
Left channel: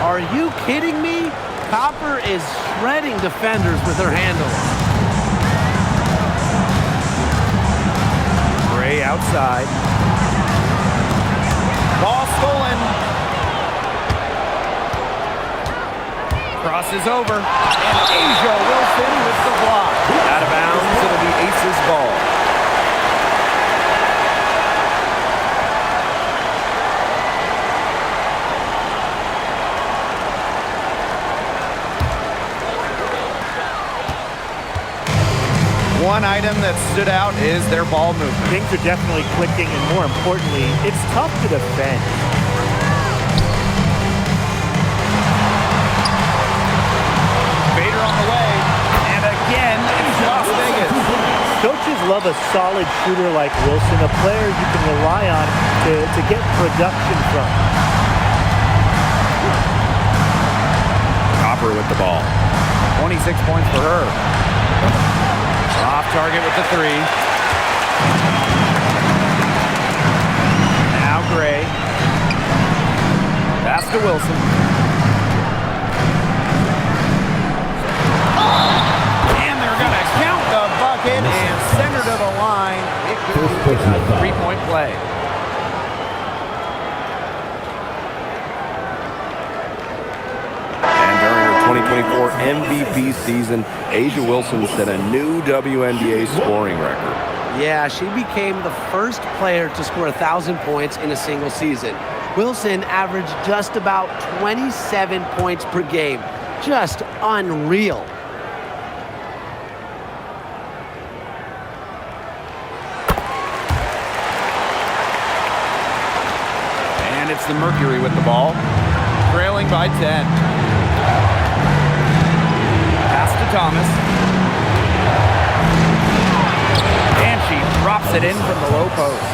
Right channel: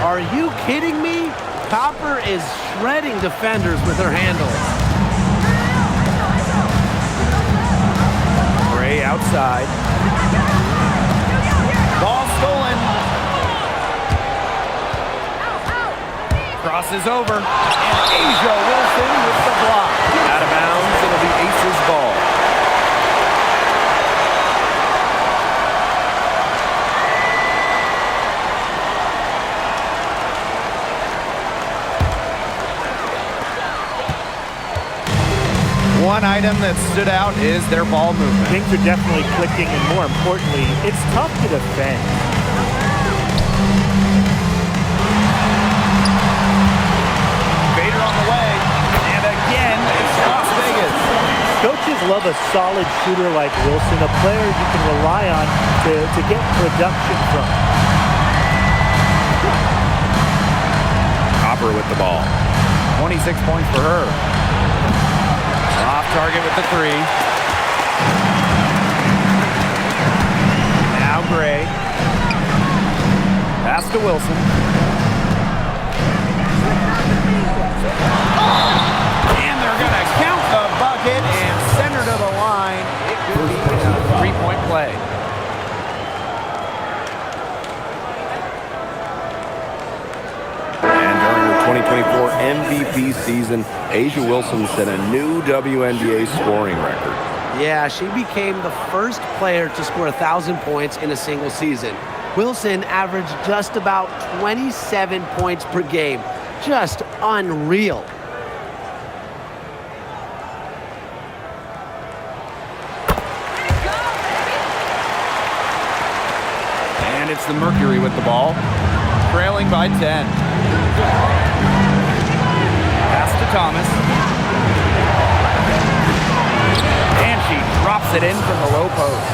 Are you kidding me? Copper is shredding defenders with her handles. Gray outside. Ball stolen. Crosses over. And Asia Wilson with the block. Out of bounds, it'll be Ace's ball. One item that stood out is their ball movement. Things are definitely clicking, and more importantly, it's tough to defend. Bader on the way, and again, it's Las Vegas. Coaches love a solid shooter like Wilson, a player you can rely on to get production from. Copper with the ball. 26 points for her. Off target with the three. Now Gray. Pass to Wilson. And they're going to count the bucket and send her to the line. It could be a three-point play. 2024 MVP season, A'ja Wilson set a new WNBA scoring record. Yeah, she became the first player to score 1,000 points in a single season. Wilson averaged just about 27 points per game. Just unreal. And it's the Mercury with the ball, trailing by 10. Pass to Thomas. And she drops it in from the low post.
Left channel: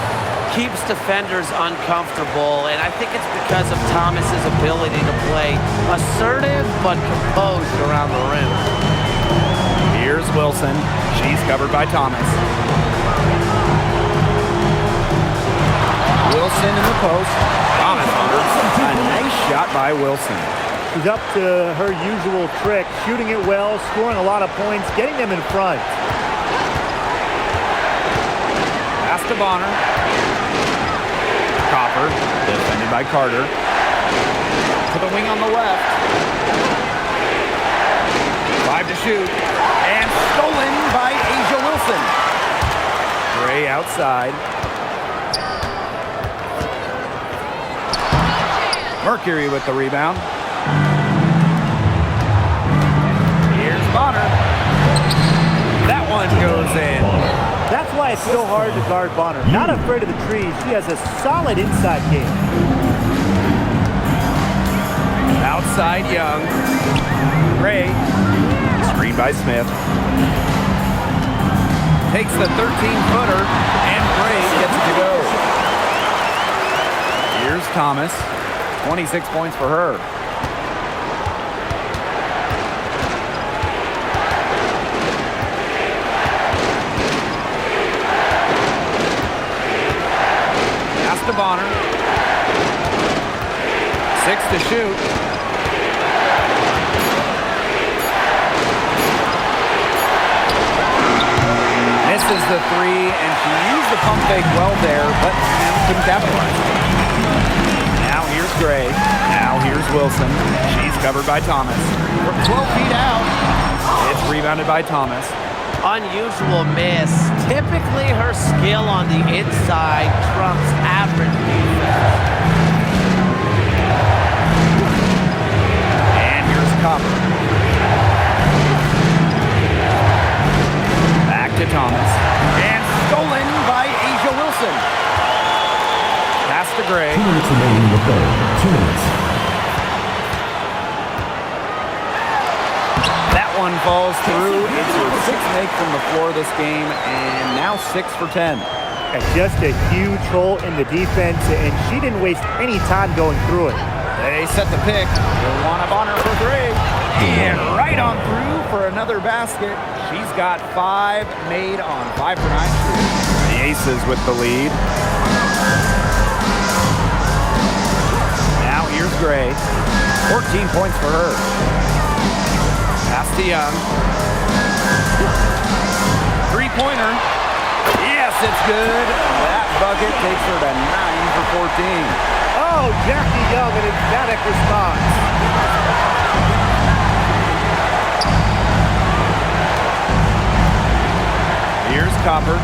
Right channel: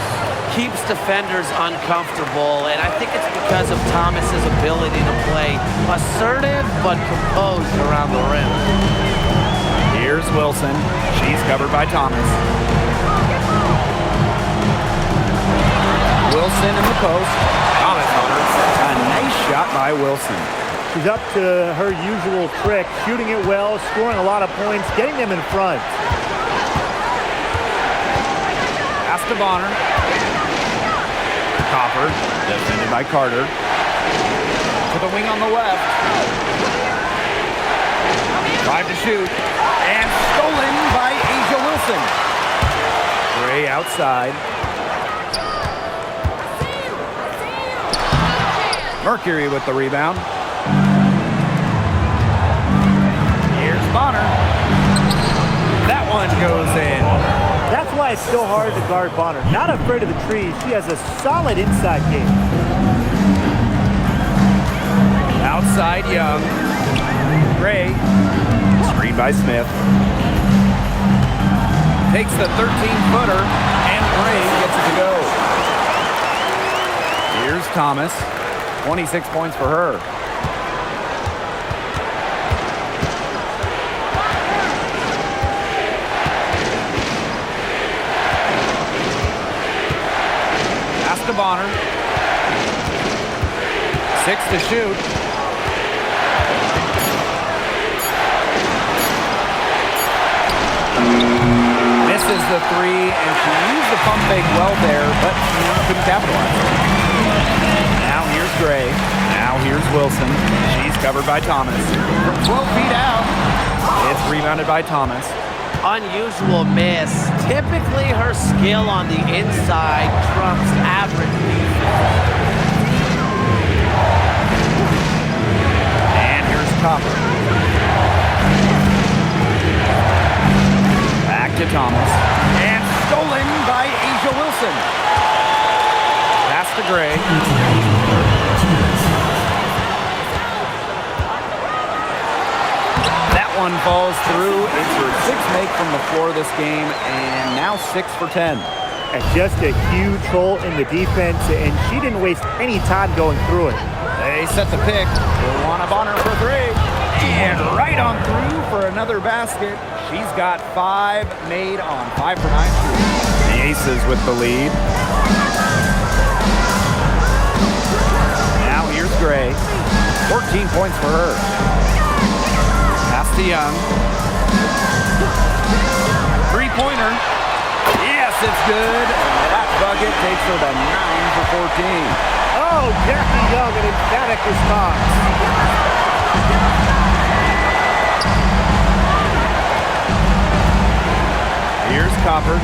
Keeps defenders uncomfortable, and I think it's because of Thomas's ability to play assertive but composed around the rim. Here's Wilson. She's covered by Thomas. Wilson in the post. Thomas on her. A nice shot by Wilson. She's up to her usual trick, shooting it well, scoring a lot of points, getting them in front. Pass to Bonner. Copper, defended by Carter. To the wing on the left. 5 to shoot. And stolen by A'ja Wilson. Gray outside. Mercury with the rebound. Here's Bonner. That one goes in. That's why it's so hard to guard Bonner. Not afraid of the trees. She has a solid inside game. Outside Young. Gray. Screen by Smith. Takes the 13-footer, and Gray gets it to go. Here's Thomas. 26 points for her. Pass to Bonner. 6 to shoot. Misses the 3, and she used the pump fake well there, but couldn't capitalize. Now here's Gray. Now here's Wilson. She's covered by Thomas. From 12 feet out, it's rebounded by Thomas. Unusual miss. Typically, her skill on the inside trumps average defense. And here's Copper. Back to Thomas. And stolen by A'ja Wilson. Pass to Gray. 2 minutes remaining in the third. 2 minutes. That one falls through. It's her 6th make from the floor this game, and now 6 for 10. And just a huge hole in the defense, and she didn't waste any time going through it. They set the pick. Wilwana Bonner for 3. And right on through for another basket. She's got 5 made on 5 for 9 shooting. The Aces with the lead. Now here's Gray. 14 points for her. Pass to Young. 3-pointer. Yes, it's good. That bucket takes her to 9 for 14. Oh, Jackie Young, an emphatic response. Here's Copper.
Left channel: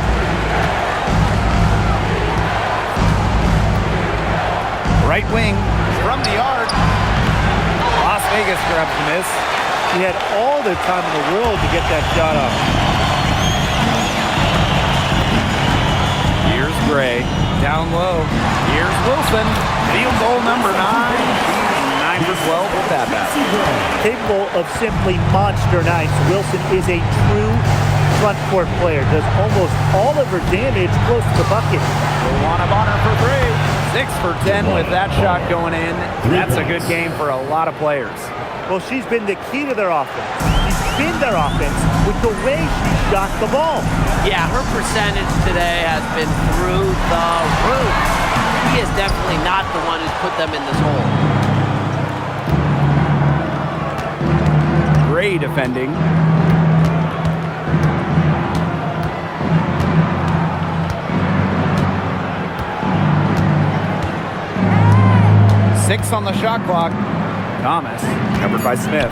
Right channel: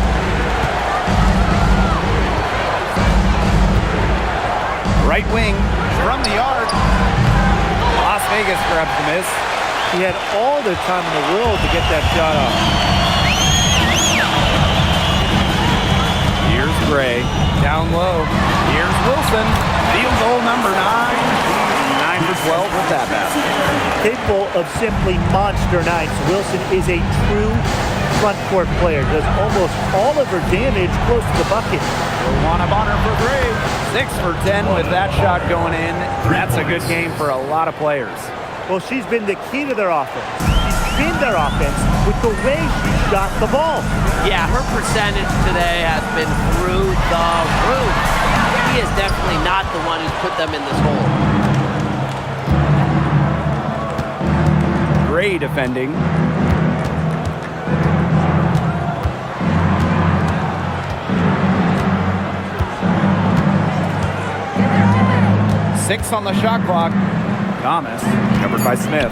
Right wing from the arc. Las Vegas grabs the miss. He had all the time in the world to get that shot off. Here's Gray. Down low. Here's Wilson. Field goal number 9. She's 9 for 12 with that basket. Capable of simply monster nights, Wilson is a true front court player. Does almost all of her damage close to the bucket. Wilwana Bonner for 3. 6 for 10 with that shot going in. That's a good game for a lot of players. Well, she's been the key to their offense. She's been their offense with the way she shot the ball. Yeah, her percentage today has been through the roof. He is definitely not the one who's put them in this hole. Gray defending. Six on the shot clock. Thomas, covered by Smith.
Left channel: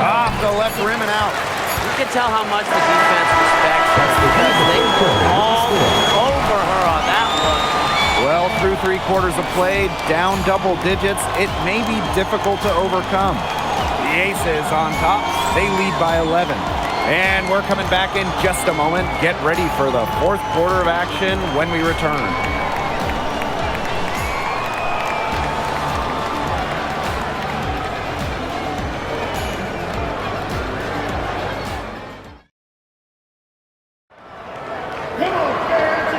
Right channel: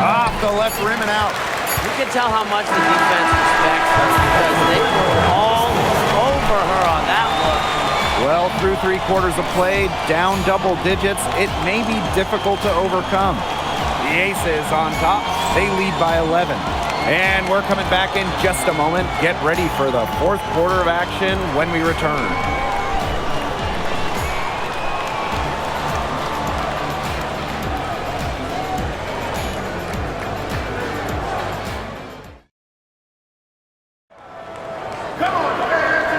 Off the left rim and out. You can tell how much the defense respects her because they were all over her on that look. Well, through 3 quarters of play, down double digits, it may be difficult to overcome. The Aces on top, they lead by 11. And we're coming back in just a moment. Get ready for the 4th quarter of action when we return.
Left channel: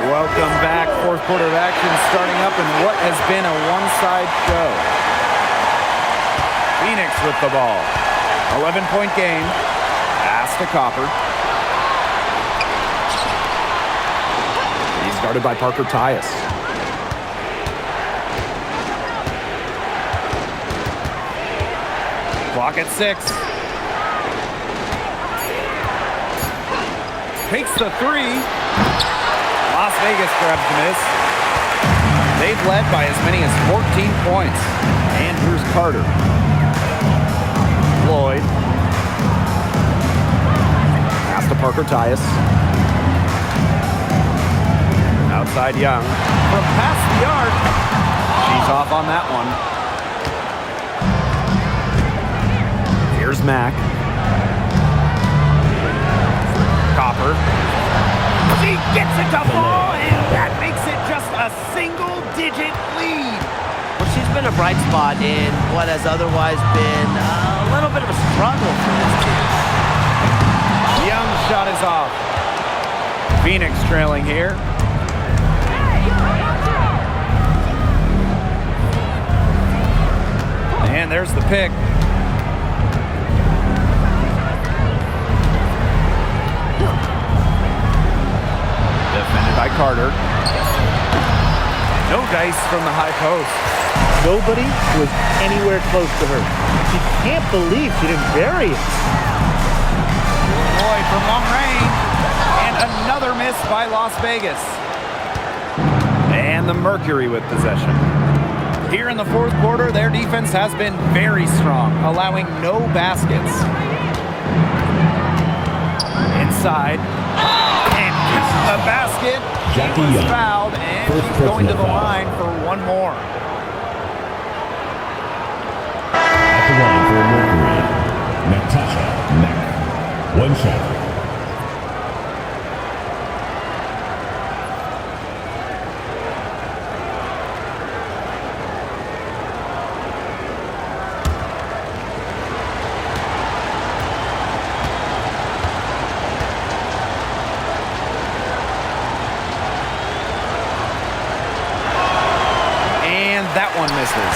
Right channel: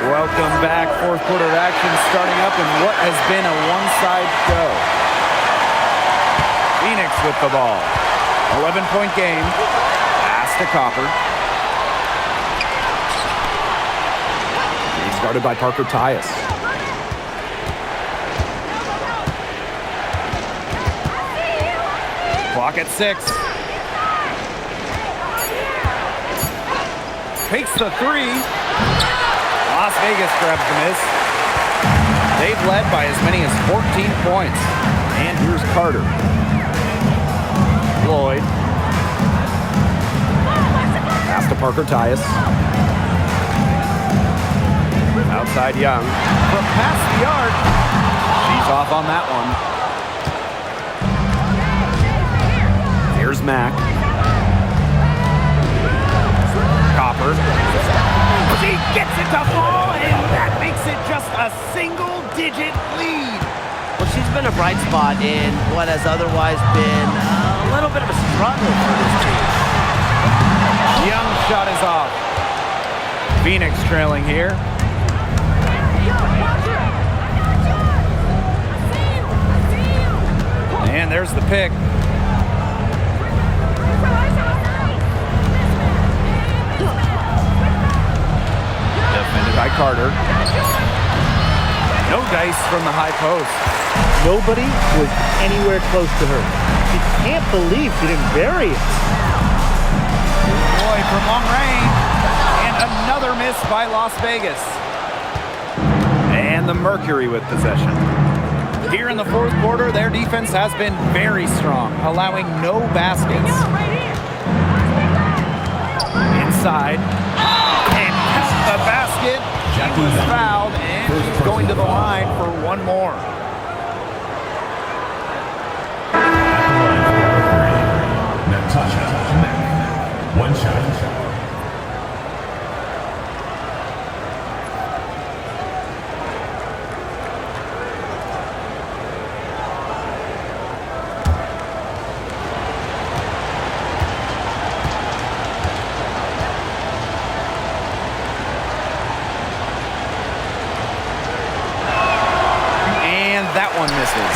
Welcome back. 4th quarter of action starting up in what has been a one-side show. Phoenix with the ball. 11-point game. Pass to Copper. He's guarded by Parker Tyus. Clock at 6. Takes the 3. Las Vegas grabs the miss. They've led by as many as 14 points. And here's Carter. Lloyd. Pass to Parker Tyus. Outside Young. From past the arc. She's off on that one. Here's Mack. Copper. She gets it to fall, and that makes it just a single-digit lead. Well, she's been a bright spot in what has otherwise been a little bit of a struggle for this team. Young's shot is off. Phoenix trailing here. And there's the pick. Defended by Carter. No dice from the high post. Nobody was anywhere close to her. She can't believe she didn't bury it. Lloyd from long range. And another miss by Las Vegas. And the Mercury with possession. Here in the 4th quarter, their defense has been very strong, allowing no baskets. Inside. And count the basket. She was fouled, and she's going to the line for one more. At the line for Mercury, Natasha Mack. One shot. That one misses.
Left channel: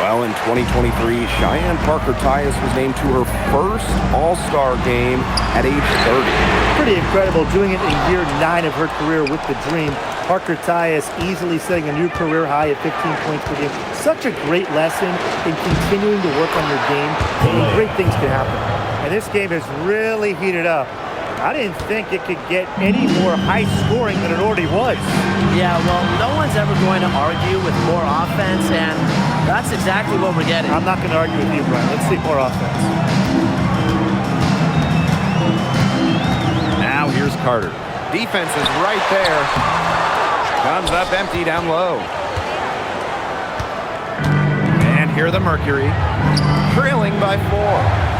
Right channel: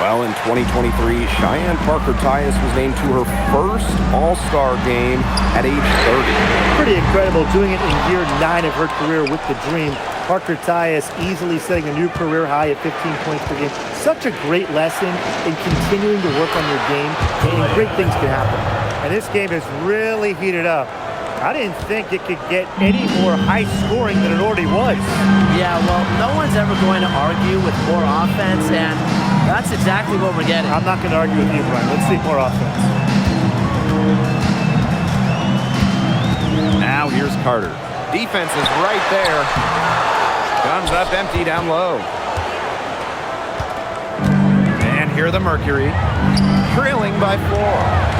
Well, in 2023, Cheyenne Parker Tyus was named to her first All-Star game at age 30. Pretty incredible, doing it in year 9 of her career with the Dream. Parker Tyus easily setting a new career high at 15 points per game. Such a great lesson in continuing to work on your game, and great things can happen. And this game has really heated up. I didn't think it could get any more high scoring than it already was. Yeah, well, no one's ever going to argue with more offense, and that's exactly what we're getting. I'm not going to argue with you, Brian. Let's see more offense. Now here's Carter. Defense is right there. Guns up empty down low. And here the Mercury, trailing by 4.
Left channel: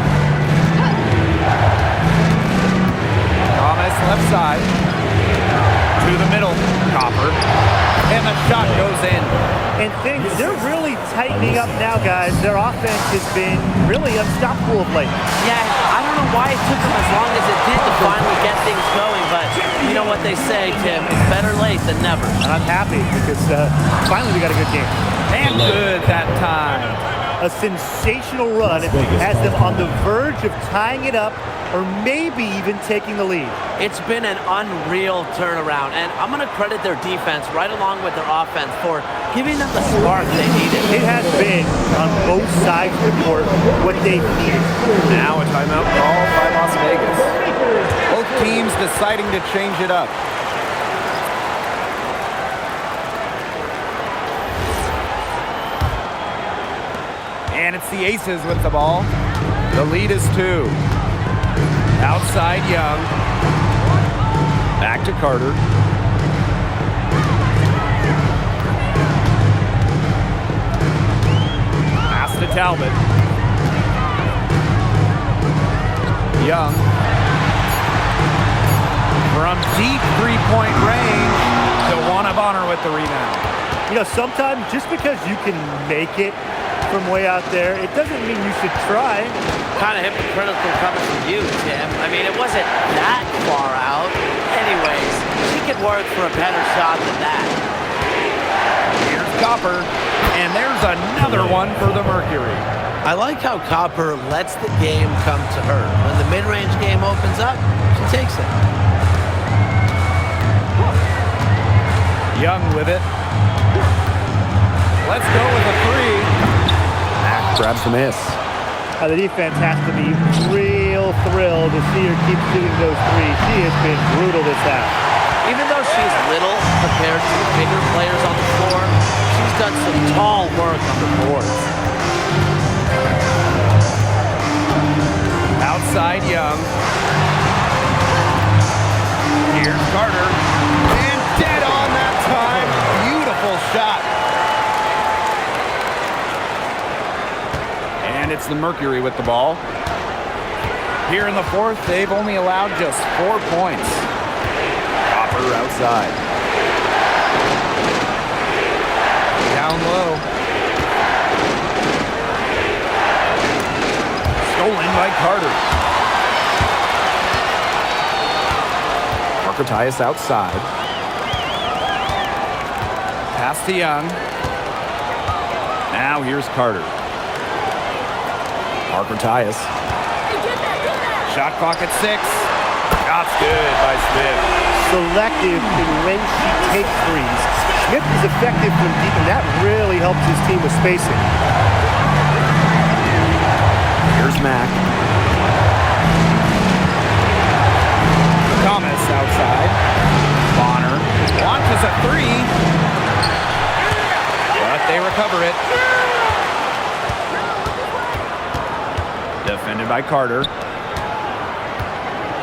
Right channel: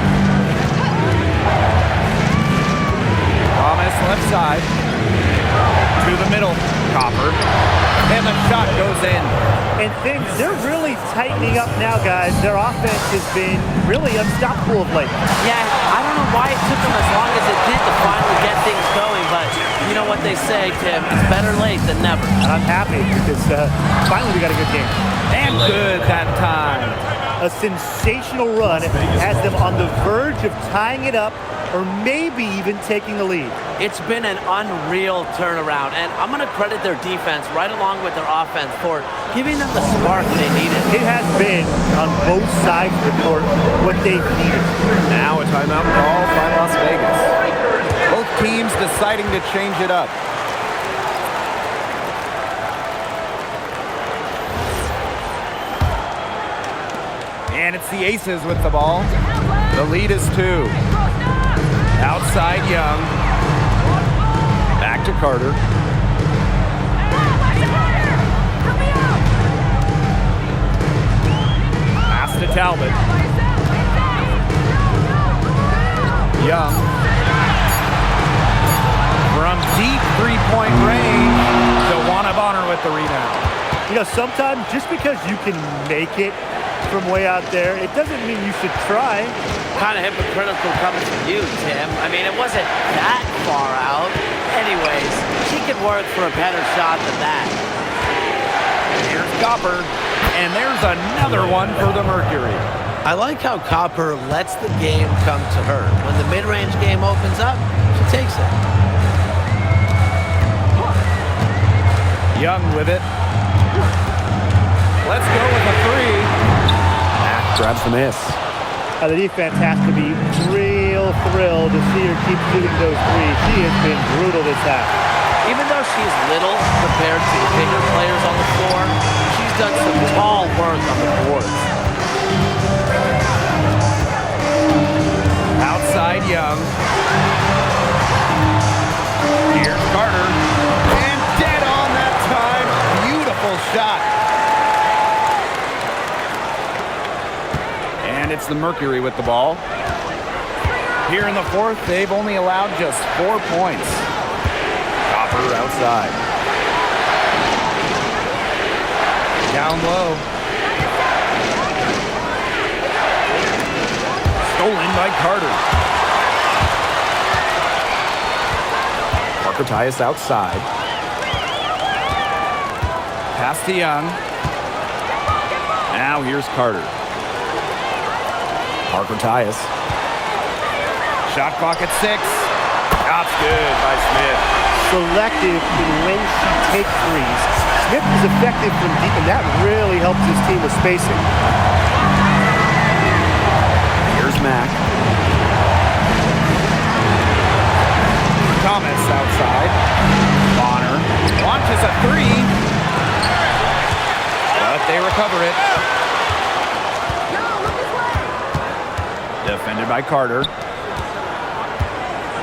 Thomas left side. To the middle. Copper. And the shot goes in. And things, they're really tightening up now, guys. Their offense has been really unstoppable of late. Yeah, I don't know why it took them as long as it did to finally get things going, but you know what they say, Tim, it's better late than never. And I'm happy because finally we got a good game. And good that time. A sensational run has them on the verge of tying it up or maybe even taking the lead. It's been an unreal turnaround, and I'm going to credit their defense right along with their offense for giving them the spark they needed. It has been, on both sides of the court, what they've needed. Now a timeout called by Las Vegas. Both teams deciding to change it up. And it's the Aces with the ball. The lead is 2. Outside Young. Back to Carter. Pass to Talbot. Young. From deep three-point range, DeWanna Bonner with the rebound. You know, sometimes just because you can make it from way out there, it doesn't mean you should try. Kind of hypocritical coming from you, Tim. I mean, it wasn't that far out. Anyways, she could work for a better shot than that. Here's Copper, and there's another one for the Mercury. I like how Copper lets the game come to her. When the mid-range game opens up, she takes it. Young with it. Let's go with a 3. Mack grabs the miss. The defense has to be real thrilled to see her keep shooting those threes. She has been brutal this half. Even though she's little compared to the bigger players on the floor, she's done some tall work on the boards. Outside Young. Here's Carter. And dead on that time. Beautiful shot. And it's the Mercury with the ball. Here in the 4th, they've only allowed just 4 points. Copper outside. Down low. Stolen by Carter. Tyus outside. Pass to Young. Now here's Carter. Tyus. Shot clock at 6. Shot's good by Smith. Selective in when she takes threes. Smith is effective from deep, and that really helps his team with spacing. Here's Mack. Thomas outside. Bonner launches a 3. But they recover it. Defended by Carter.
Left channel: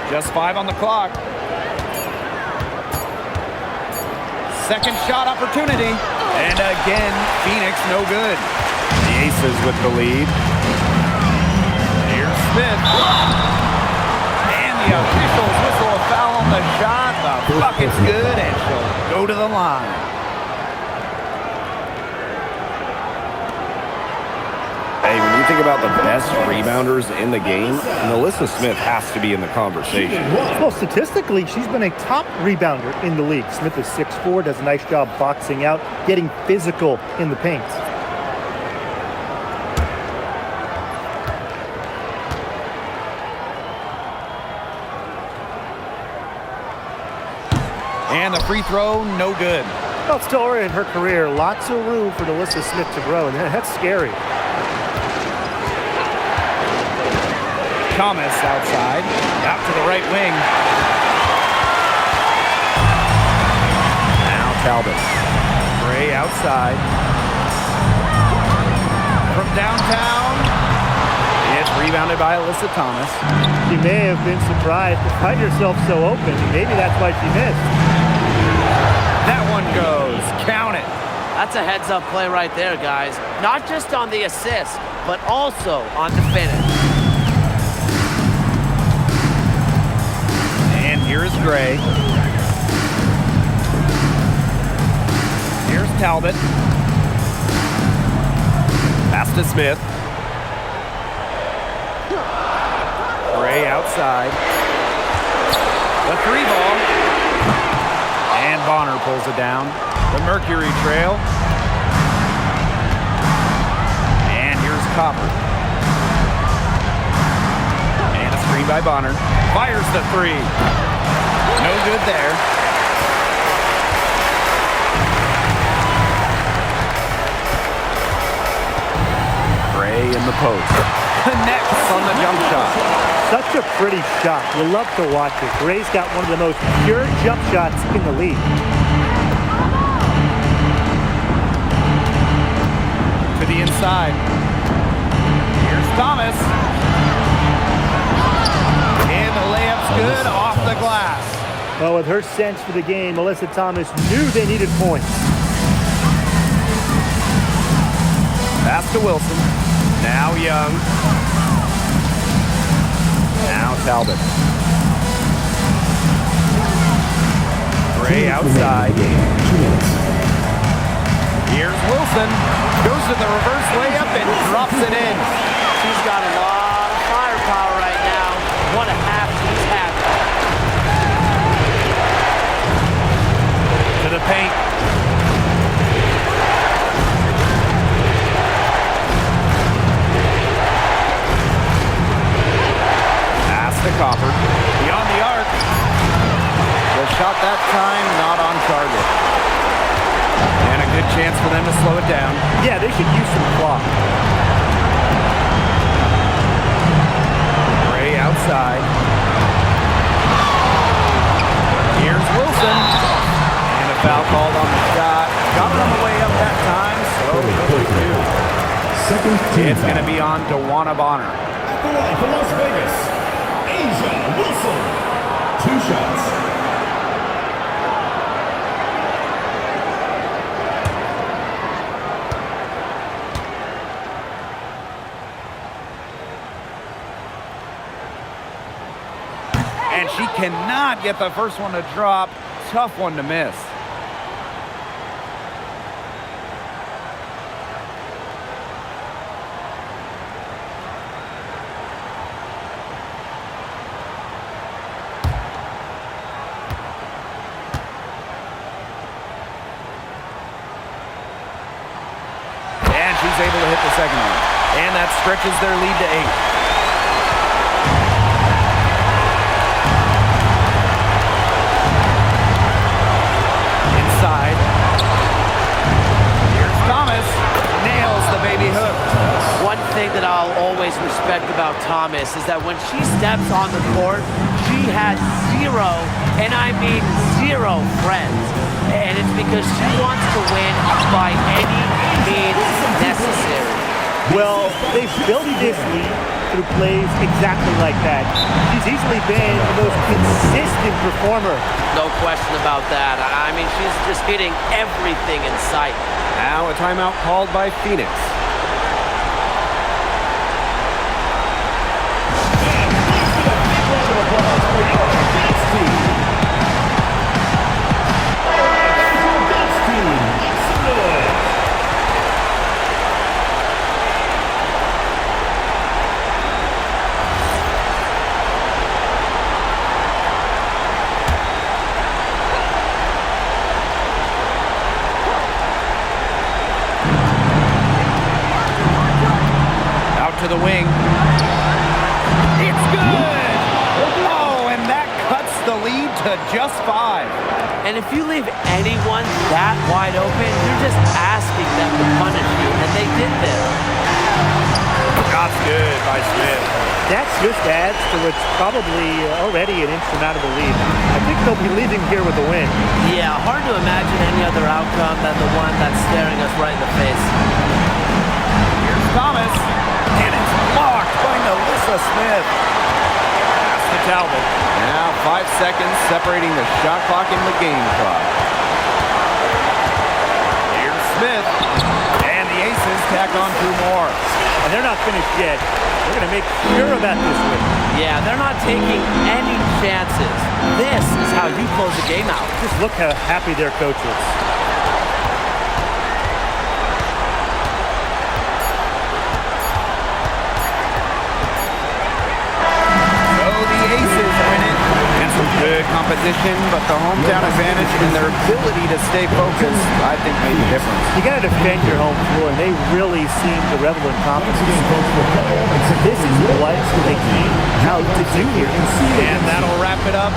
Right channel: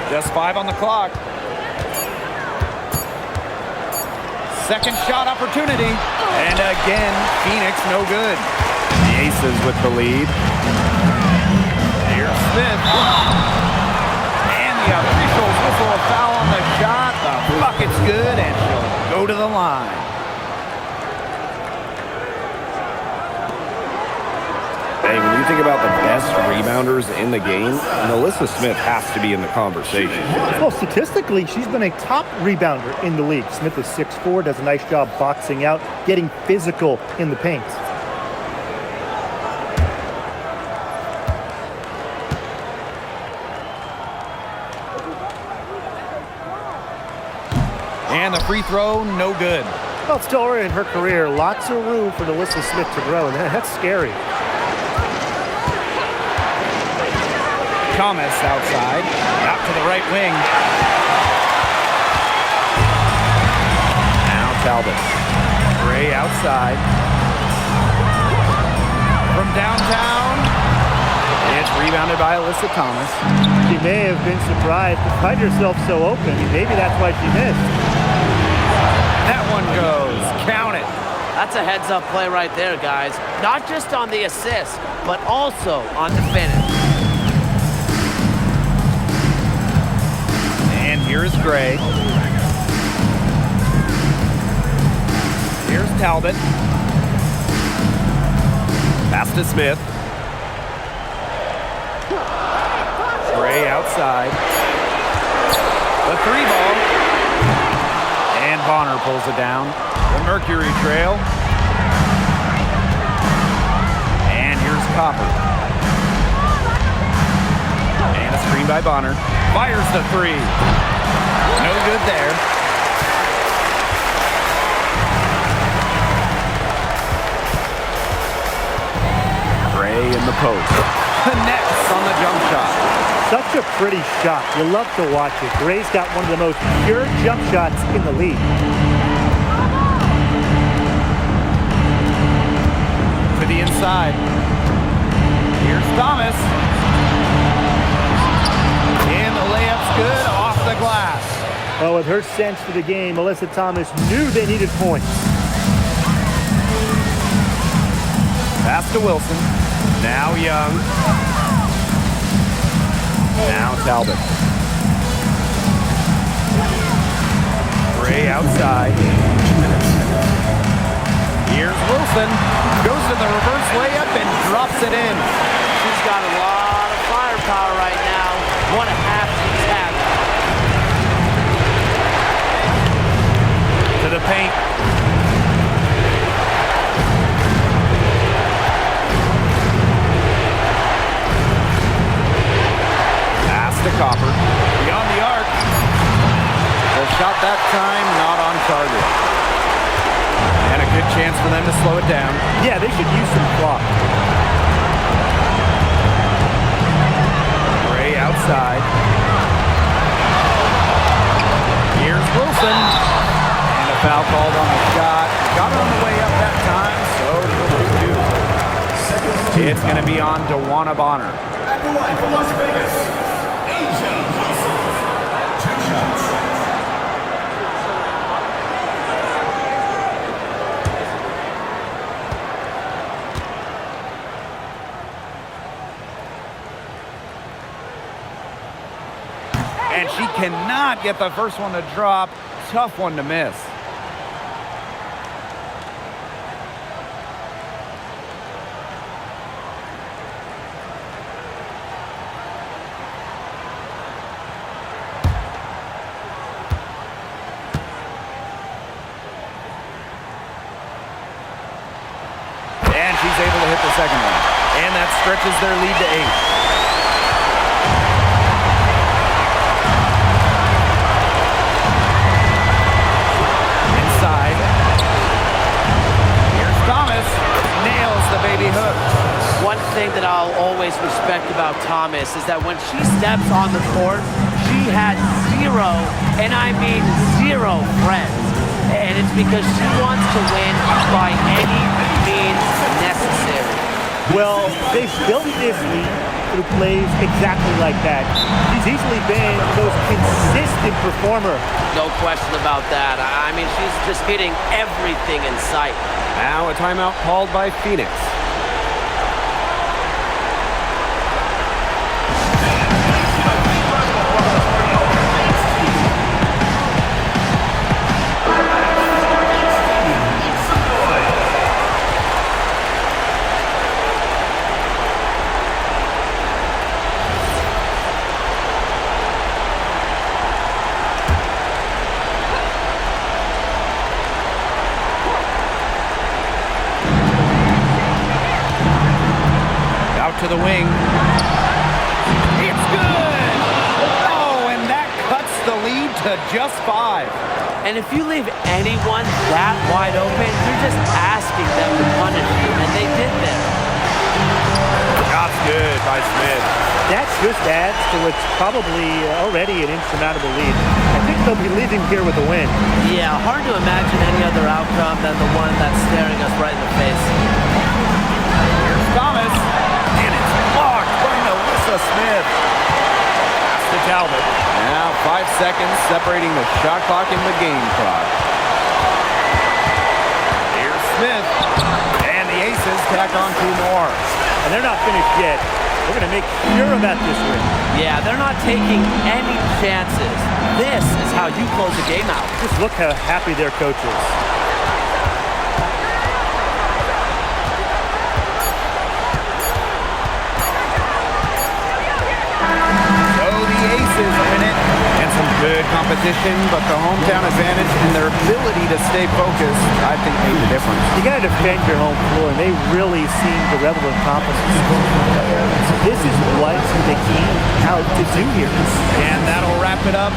Just 5 on the clock. Second shot opportunity. And again, Phoenix no good. The Aces with the lead. Here's Smith. And the officials whistle a foul on the shot. The bucket's good, and she'll go to the line. Hey, when you think about the best rebounders in the game, Melissa Smith has to be in the conversation. Well, statistically, she's been a top rebounder in the league. Smith is 6'4", does a nice job boxing out, getting physical in the paint. And the free throw, no good. Well, it's still early in her career. Lots of room for Melissa Smith to grow, and that's scary. Thomas outside, out to the right wing. Now Talbot. Gray outside. From downtown, it's rebounded by Alyssa Thomas. She may have been surprised to find herself so open. Maybe that's why she missed. That one goes. Count it. That's a heads-up play right there, guys. Not just on the assist, but also on the finish. And here's Gray. Here's Talbot. Pass to Smith. Gray outside. The 3 ball. And Bonner pulls it down. The Mercury trail. And here's Copper. And a screen by Bonner. Fires the 3. No good there. Gray in the post. Connects on the jump shot. Such a pretty shot. You love to watch it. Gray's got one of the most pure jump shots in the league. To the inside. Here's Thomas. And the layup's good off the glass. Well, with her sense for the game, Alyssa Thomas knew they needed points. Pass to Wilson. Now Young. Now Talbot. Gray outside. Here's Wilson. Goes to the reverse layup and drops it in. She's got a lot of firepower right now. What a half she's having. To the paint. Pass to Copper. Beyond the arc. The shot that time not on target. And a good chance for them to slow it down. Yeah, they should use some clock. Gray outside. Here's Wilson. And a foul called on the shot. Got her on the way up that time, so she'll shoot two. It's going to be on DeWanna Bonner. At the line for Las Vegas, Asia Wilson. 2 shots. And she cannot get the first one to drop. Tough one to miss. And she's able to hit the second one. And that stretches their lead to 8. Here's Thomas. Nails the baby hook. One thing that I'll always respect about Thomas is that when she steps on the court, she has zero, and I mean zero, friends. And it's because she wants to win by any means necessary. Well, they've built this lead through plays exactly like that. She's easily been the most consistent performer. No question about that. I mean, she's just hitting everything in sight. Now a timeout called by Phoenix. To the wing. It's good! Oh, and that cuts the lead to just 5. And if you leave anyone that wide open, you're just asking them to punish you, and they did there. Shot's good by Smith. That just adds to what's probably already an insurmountable lead. I think they'll be leaving here with a win. Yeah, hard to imagine any other outcome than the one that's staring us right in the face. Here's Thomas. And it's blocked by Melissa Smith. Pass to Talbot. Now 5 seconds separating the shot clock and the game clock. Here's Smith. And the Aces tack on 2 more. And they're not finished yet. They're going to make sure about this win. Yeah, they're not taking any chances. This is how you close a game out. Just look how happy their coach is. Aces win it. And some good competition, but the hometown advantage and their ability to stay focused, I think, made the difference. You got to defend your home floor, and they really seem to revel in confidence. This is what they came out to do here. And that'll wrap it up